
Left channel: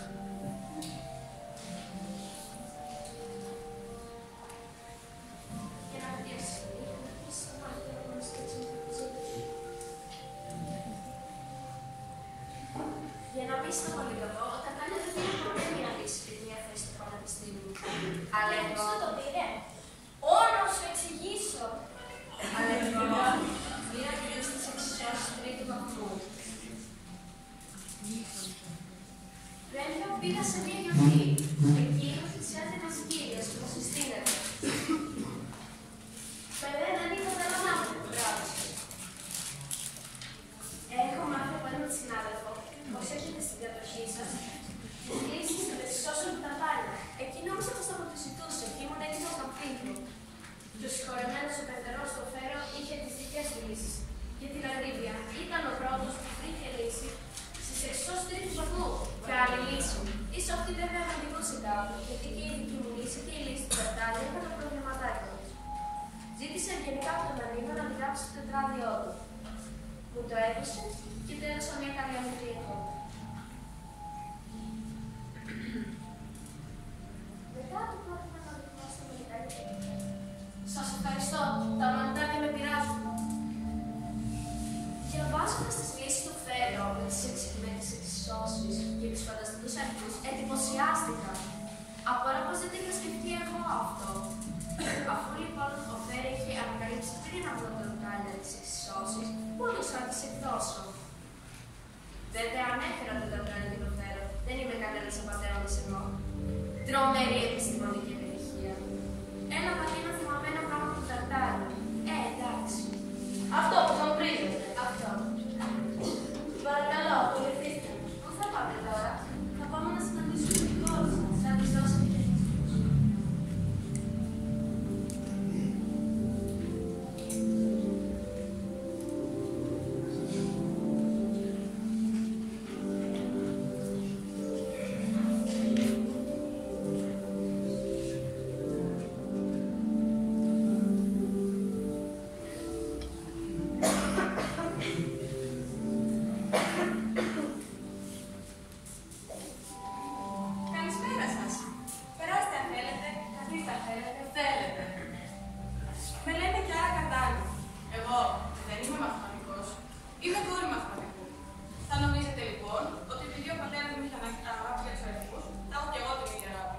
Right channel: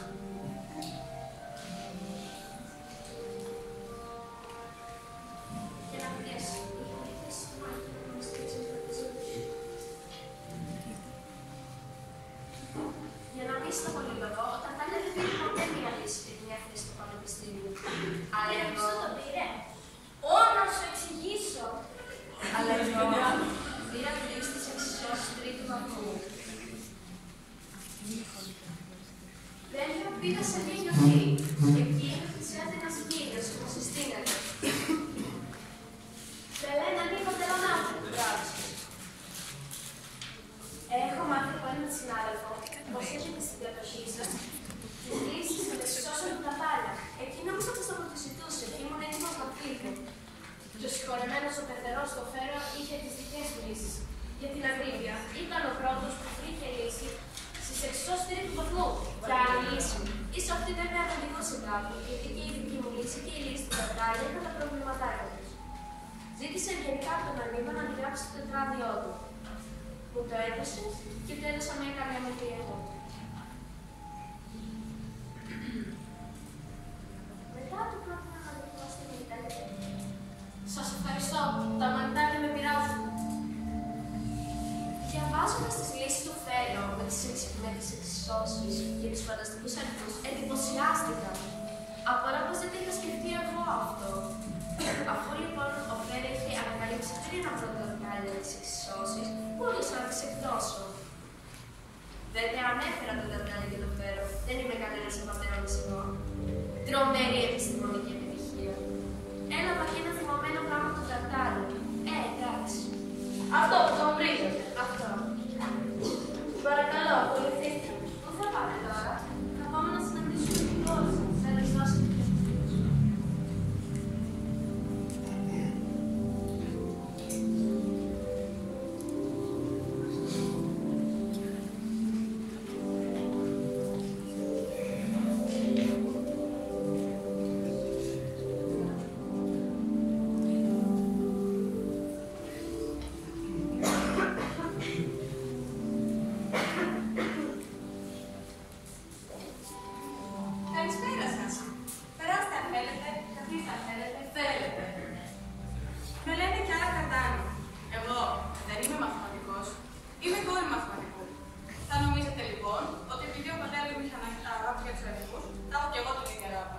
Και αναπτύσσει. Είχα αναπτύσσει στο μάχη και να μου στήριξε με τη ζωή. Για να μην στο πολυλογώ, ο Τατάλια δεν πήρε ποτέ μια λύση και μια θέση στο πανεπιστήμιο. Αλλά εγώ... Ποιος το πήρε? Να σου εξηγήσω. Αλλά εγώ πήρα τη λύση της εξισώσης τρίτου βαθμού. Βέβαια πήγα σε μια γιορτή. Εκεί πλησιάζει ένας κύριος που μου συστήνεται. Με λένε Νίκο Τελωνάφη, μπράβο σας. Έχω μάθει από έναν συνάδελφο πως έχετε στην κατοχή σας τις λύσεις των εξισώσεων του Τατάλια. Εκεί νόμιζα πως το ζητούσε και ήμουν έτοιμος να φύγω. Και ο συγχωρεμένος ο Περτερός στο Φέρο είχε τις δικές του λύσεις. Για την ακρίβεια, ήταν ο πρώτος που βρήκε λύση στις εξισώσεις τρίτου βαθμού. Και άλλη λύση. Ίσως αυτή βέβαια να οδηγούσε κάπου, γιατί και η δική μου λύση και η λύση του Τατάλια είχαν τα προβληματάκια τους. Ζήτησε ευγενικά από τον Ανίβα να αντιγράψει το τετράδιό του. Μου το έδωσε και του έδωσα μια καλή αμυντή εγώ. Διαβάζοντας τις λύσεις του Φέρο με τις εξισώσεις και τους φανταστικούς αριθμούς, εντυπωσιάστηκα. Απορώ πως δεν το είχα σκεφτεί εγώ αυτό. Αφού λοιπόν ο Φέρο είχε ανακαλύψει πριν από το δοκάλιο της εξισώσεις, μπορούσα να τις εκδώσω. Βέβαια, ανέφερα το Ταρτάρι και το Φέρο. Δεν είμαι κανένας απατεώνας εγώ. Τρομερή επιστημονική επιτυχία. Έλαβα και ένα θυμωμένο γράμμα του Ταρτάρι. Εντάξει. Αυτό που τον βρίζετε. Αυτό. Παρακαλώ, ακολουθήστε με. Πού θα πάμε τώρα? Θα πάμε να συναντήσουμε την κόρη σας. Να της δώσετε και Καλησπέρα σας. Περάστε αν θέλετε, καθίστε αν θέλετε. Με λένε Κιάρα Κατάλου. Εγώ δεν είμαι μαθηματικός. Είμαι κόρη μαθηματικού. Θα νομίζετε λοιπόν ότι επειδή ο πατέρας μου είχε αγάπη για τους αριθμούς, θα έχω κι εγώ την ίδια αγάπη.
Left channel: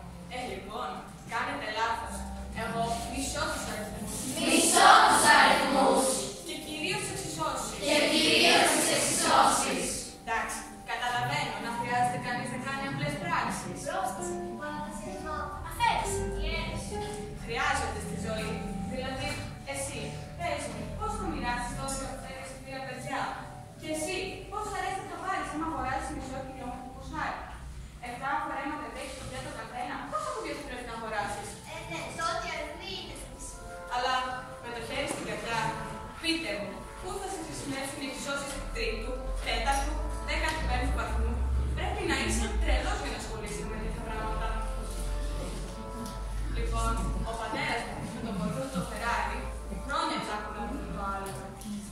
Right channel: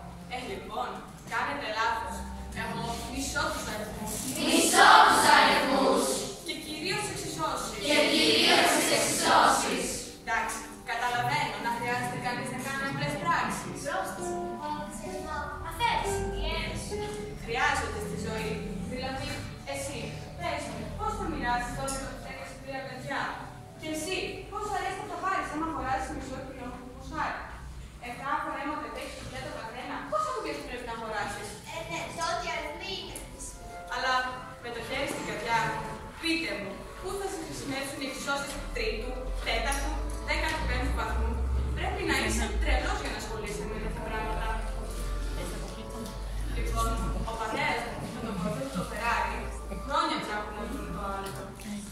Λοιπόν, κάνετε λάθος. Εγώ μισώ τους αριθμούς. Μισώ τους αριθμούς. Και κυρίως τις εξισώσεις. Και κυρίως τις εξισώσεις. Εντάξει, καταλαβαίνω να χρειάζεται κανείς να κάνει απλές πράξεις. πρόσθεση, παραθεσιασμό, αφαίρεση, διένεση. Χρειάζονται στη ζωή. Δηλαδή, εσύ, πες μου, πώς θα μοιράσεις 12 λεπτάκια σε 3 παιδιά. Και εσύ, πώς αρέσει να το πάρεις άμα αγοράσεις μισό κιλό ποσάρι. 7 φορέματα τέχει το πιάτο καθένα. Πόσα κουμπιά πρέπει να αγοράσεις. Ναι, τότε αριθμοί είναι χρήσιμο. Αλλά με το χέρι στην καρδιά, πείτε μου, πού θα σε χρησιμεύσουν οι εξισώσεις 3ου, 4ου, 15ου βαθμού. Πρέπει να είσαι τρελός για να ασχολείσαι με τέτοια πράγματα. Λοιπόν, ο πατέρας μου με τον κορφό του το Φεράρι χρόνια ψάχνουν να βρουν το άλλο.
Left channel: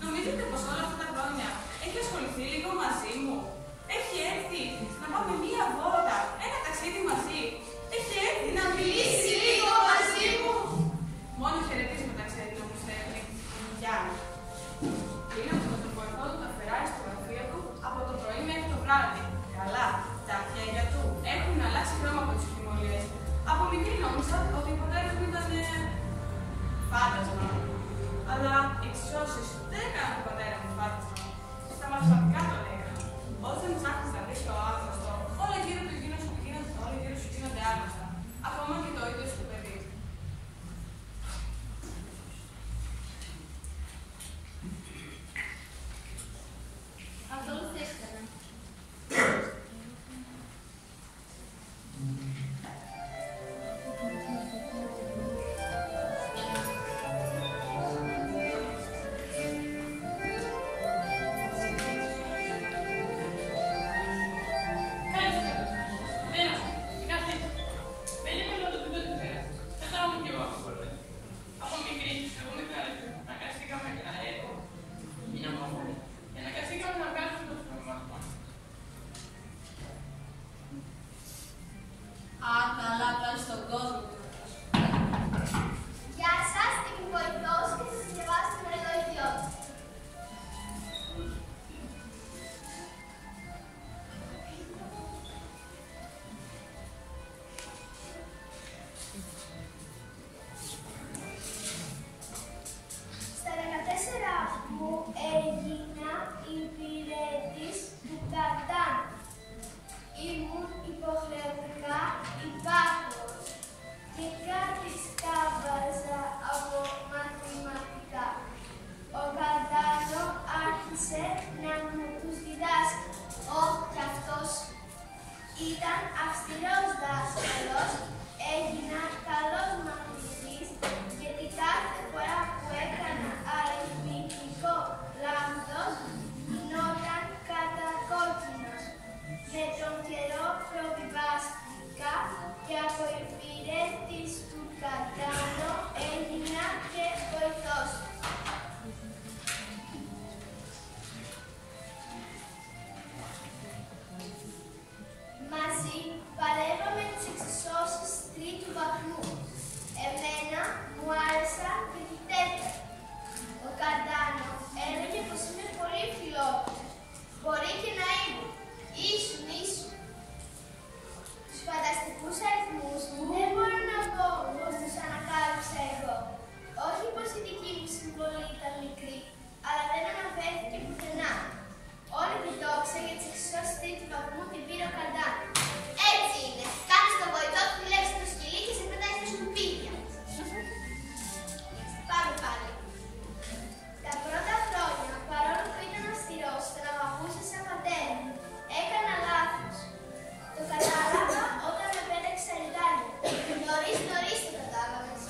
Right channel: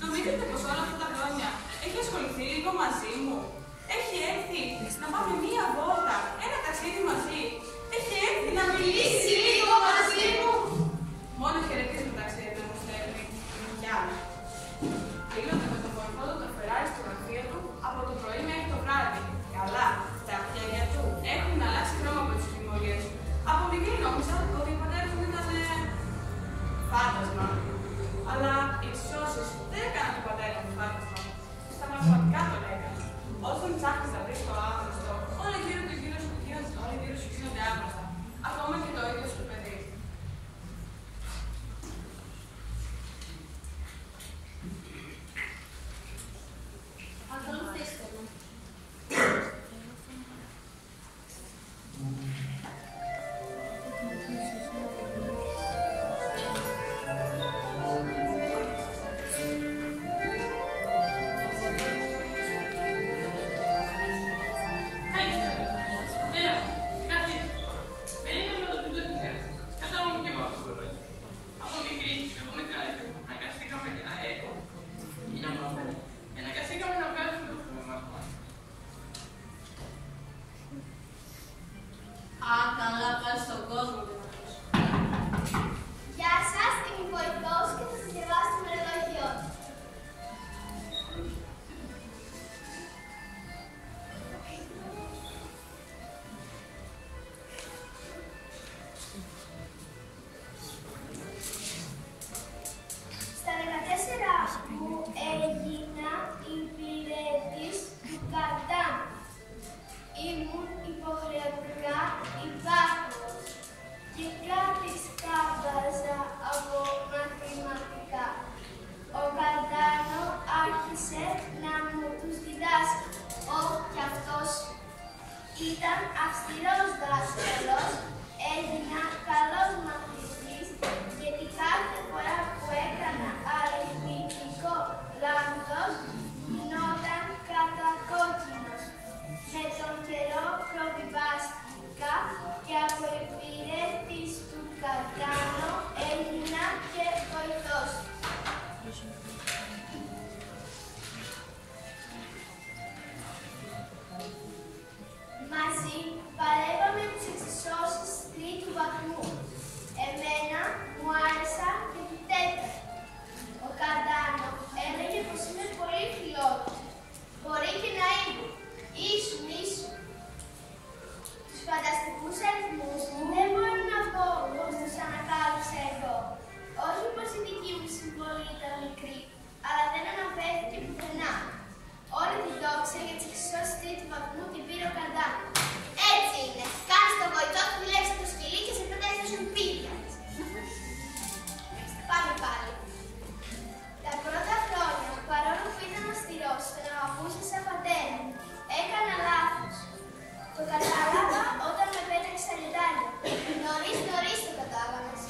Νομίζετε πως όλα αυτά τα χρόνια έχει ασχοληθεί λίγο μαζί μου. Έχει έρθει να πάμε μία βόλτα, ένα ταξίδι μαζί. Έχει έρθει να μιλήσει λίγο μαζί μου. Μόνο χαιρετίσματα ξέρει να μου στέλνει. Γεια. Τελείωσε με τον κορφό του το Φεράρι στο γραφείο του από το πρωί μέχρι το βράδυ. Καλά, τα χέρια του έχουν αλλάξει χρώμα από τις φημολίες. Από μικρή νόμιζα ότι ο πατέρας μου ήταν φάντασμα. Αλλά οι εξισώσεις δεν έκαναν τον πατέρα μου φάντασμα. Στα μαθηματικά τον έκαναν. Όταν ψάχνεις να βρεις το άγνωστο, όλα γύρω σου γίνονται άγνωστα. Ακόμα και το ίδιο σου παιδί. Ακολουθήστε με. Γεια σας, είμαι η βοηθός και θα σας διαβάσω το μερολόγιό του. Στα 14 μου έγινα υπηρέτης του Κατάν. Ήμουν υποχρεωτικά υπάκουος και κάτι σκάβαζα από μαθηματικά. Ο Κατάνο άρχισε να μου τους διδάσκει. Κι αυτός ήταν αυστηρός δάσκαλος, έγινα καλός μαθητής, γιατί κάθε φορά που έκανα αριθμητικό λάθος, γινόταν κατακόκκινος. Με τον καιρό προβιβάστηκα και από υπηρέτης του Κατάνο έγινα και βοηθός. Μαζί παρέβαμε τις εξισώσεις τρίτου βαθμού. αναφέρθηκε πουθενά. Όλη την δόξα για τις εξισώσεις τρίτου βαθμού την πήρε ο Καρντάνο. Έτσι είναι. Κάνεις το βοηθό του, δουλεύεις το σκυλί και σε πετάει στα σκουπίδια. Πάμε πάλι. Τα πρώτα χρόνια, παρόλο που ήταν αυστηρός, τον αγαπούσε σαν πατέρα. Έκανα λάθος. Το κατάλαβα όταν με πέταξε στα λιτάρια. Νωρίς το κατάλαβες.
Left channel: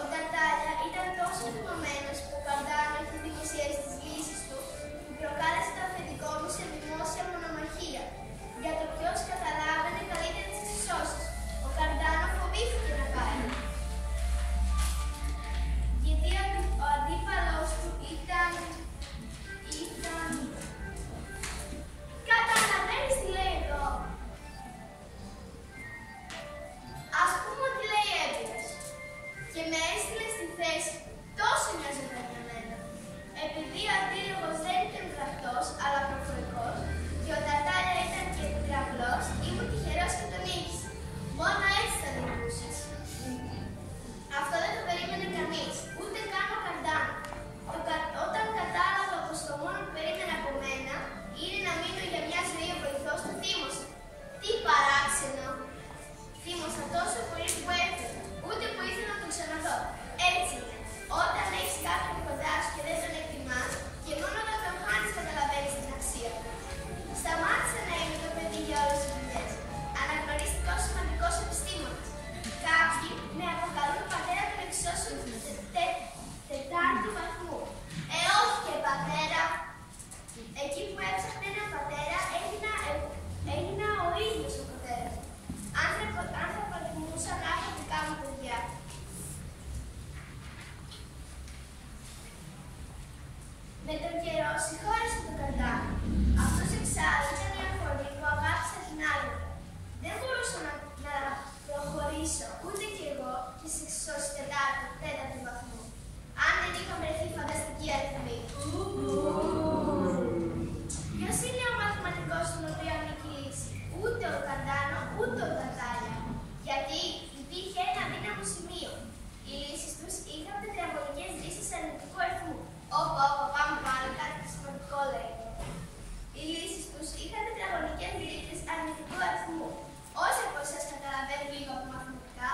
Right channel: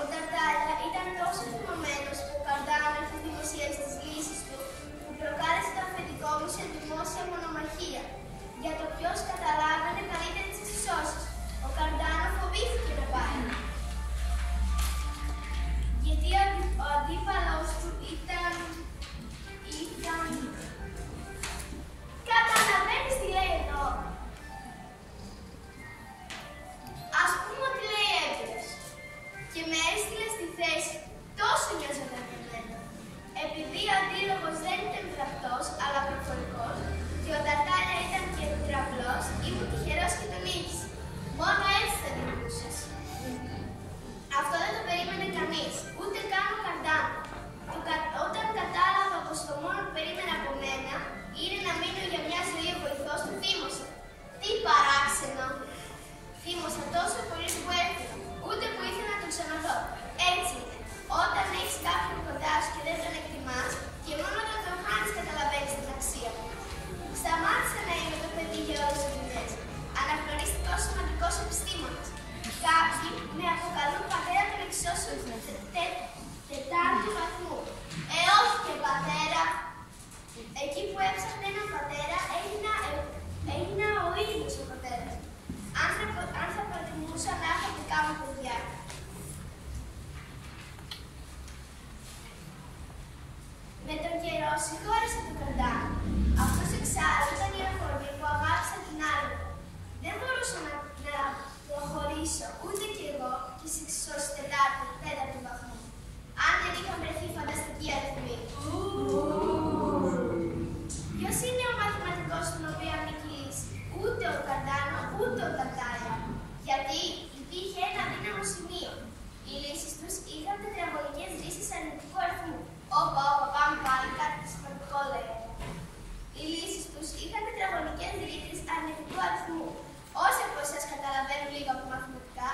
Ο Ταρτάλια ήταν τόσο θυμωμένος που ο Καρντάνο είχε δημοσιεύσει τις λύσεις του, που προκάλεσε το αφεντικό μου σε δημόσια μονομαχία για το ποιος καταλάβαινε καλύτερα τις εξισώσεις. Ο Καρντάνο φοβήθηκε να πάει. Γιατί ο αντίπαλος του ήταν... Καταλαβαίνεις τι λέει εδώ. Ας πούμε ότι λέει έμπειρος. Και με έστειλε στη θέση. Τόσο μοιάζονταν για μένα. Επειδή ο αντίλογος δεν ήταν γραπτός, αλλά προφορικός, και ο Ταρτάλια ήταν και τετραυλός, ήμουν τυχερός και τον νίκησε. Μόνο έτσι θα νικούσες. Αυτό δεν το περίμενε κανείς, ούτε καν ο Καρντάνο. Όταν κατάλαβα πως το μόνο που περίμενε από μένα είναι να μείνω για μια ζωή ο βοηθός του, θύμωσα. Τι παράξενο! Θύμωσα τόσο πολύ που έφυγα, ούτε που ήθελα να τον ξαναδώ. Έτσι είναι. Όταν έχεις κάποιον κοντά σου και δεν τον εκτιμάς, και μόνο όταν τον χάνεις καταλαβαίνεις την αξία του. Σταμάτησα να είμαι το παιδί για όλες τις δουλειές. Αναγνωρίστηκα ως σημαντικός επιστήμονας. Κάποιοι με αποκαλούν πατέρα των εξισώσεων τετάρτου βαθμού. Όχι και πατέρα. Εκεί που έψαχνα έναν πατέρα, έγινα ο ίδιος ο πατέρας. Αν θα προτιμούσα να έχω δικά μου παιδιά. Με τον καιρό συγχώρεσα τον Καρντάνο. Αυτός εξάλλου ήταν η αφορμή που αγάπησα την άλλη. Δεν μπορούσα να προχωρήσω ούτε κι εγώ και στις εξισώσεις τέταρτου βαθμού. Αν δεν είχαν βρεθεί φανταστικοί αριθμοί. Ποιος είναι ο μαθηματικός στον οποίο ανήκει η λύση? Ούτε ο Καρντάνο, ούτε ο Ταρτάλια. Γιατί υπήρχε ένα δύναμο σημείο. Οι λύσεις τους είχαν τετραγωνικές λύσεις αρνητικού αριθμού. Όπα, πάμε πάλι, κάτι σημαντικό λέει εδώ. Οι λύσεις τους είχαν τετραγωνικές λύσεις αρνητικού αριθμού. Όσοι από εσάς καταλαβαίνουν λίγο από μαθηματικά,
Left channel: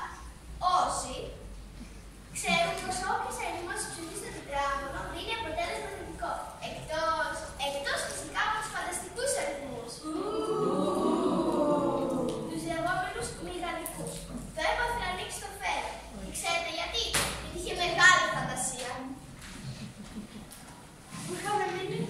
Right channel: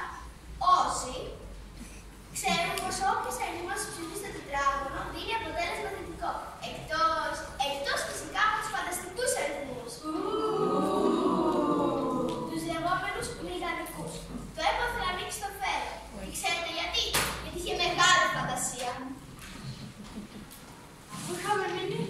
όσοι ξέρουν πως όποιος αριθμός ψηφίσει στο τετράγωνο δίνει αποτέλεσμα θετικό. Εκτός φυσικά από τους φανταστικούς αριθμούς. Τους λεγόμενους μηγαδικούς. Το έπαθε να ανοίξει το φέρα. Και ξέρετε γιατί? Γιατί είχε μεγάλη φαντασία. Πού είχαμε μείνει?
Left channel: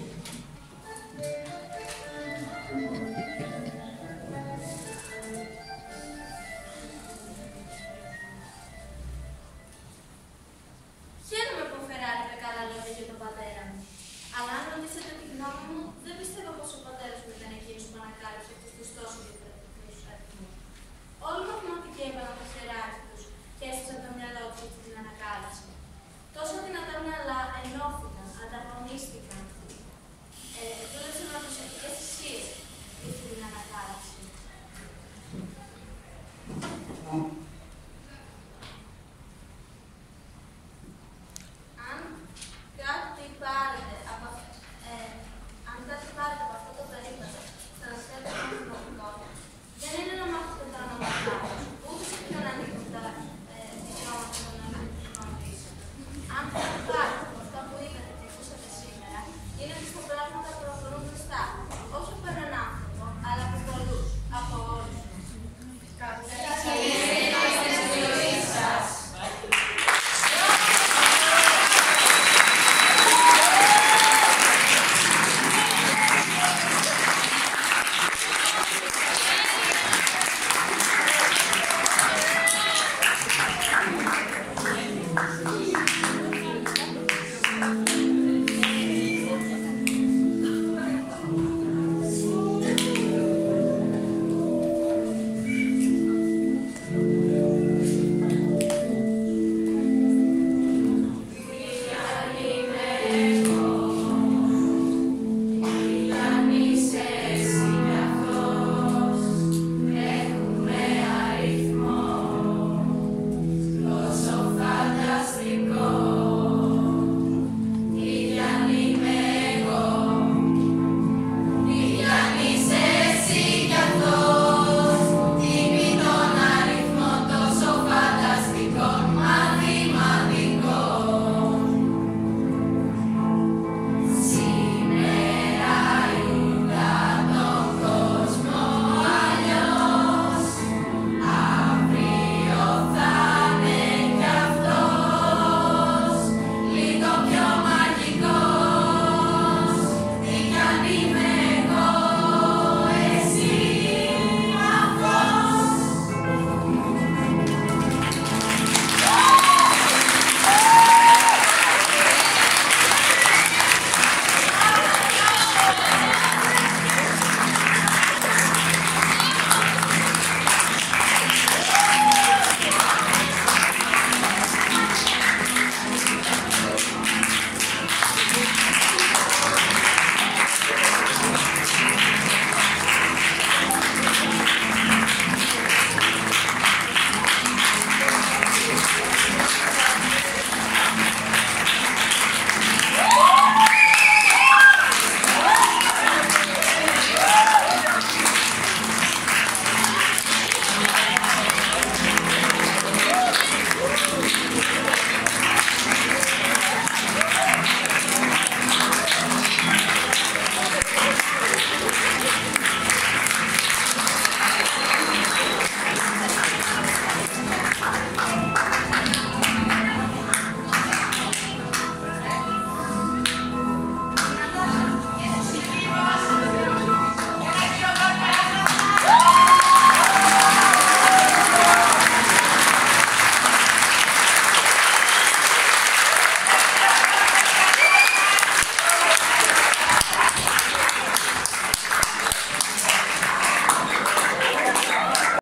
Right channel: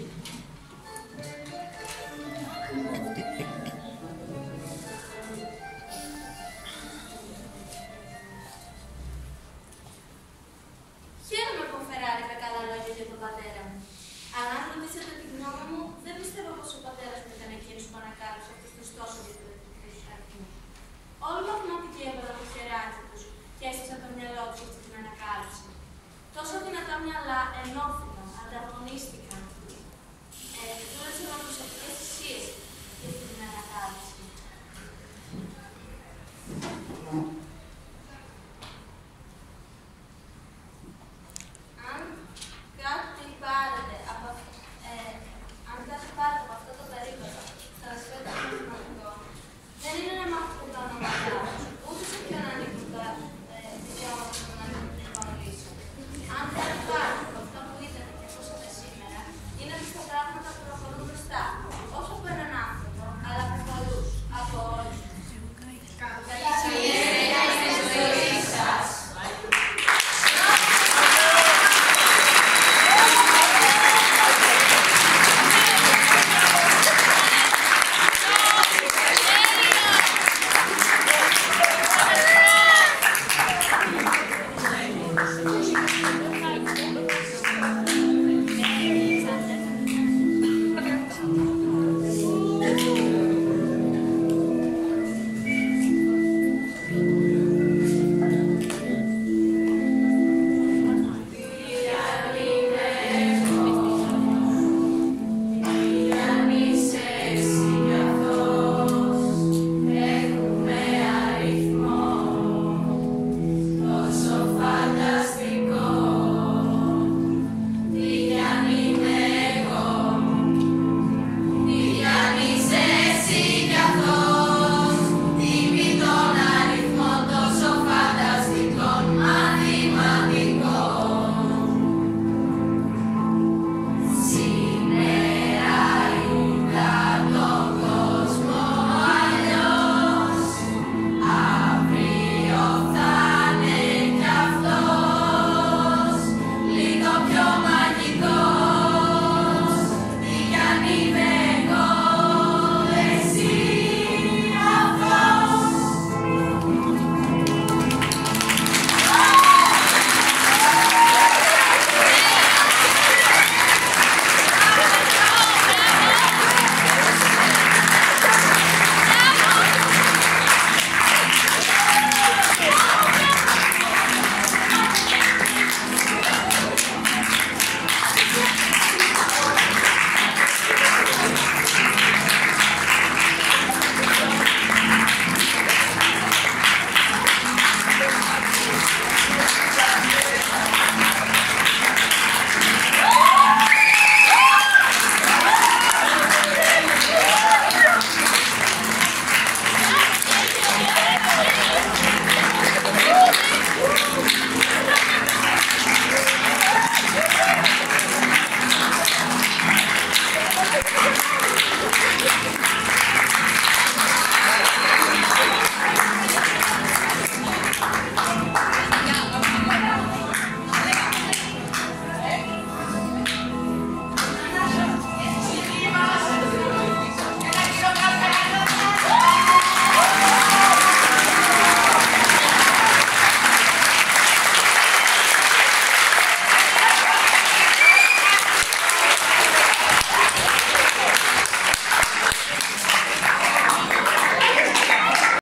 Χαίρομαι που ο Φεράρι είπε καλά λόγια για τον πατέρα μου. Αλλά αν ρωτήσετε τη γνώμη μου, δεν πιστεύω πως ο πατέρας μου ήταν εκείνος που ανακάλυψε αυτούς τους τόσο διαφορετικούς αριθμούς. Όλοι οι μαθηματικοί έβαλαν το χεράκι τους και έσυσαν το μυαλό τους αυτή την ανακάλυψη. Τόσο δυνατά μυαλά ενώθηκαν, ανταγωνίστηκαν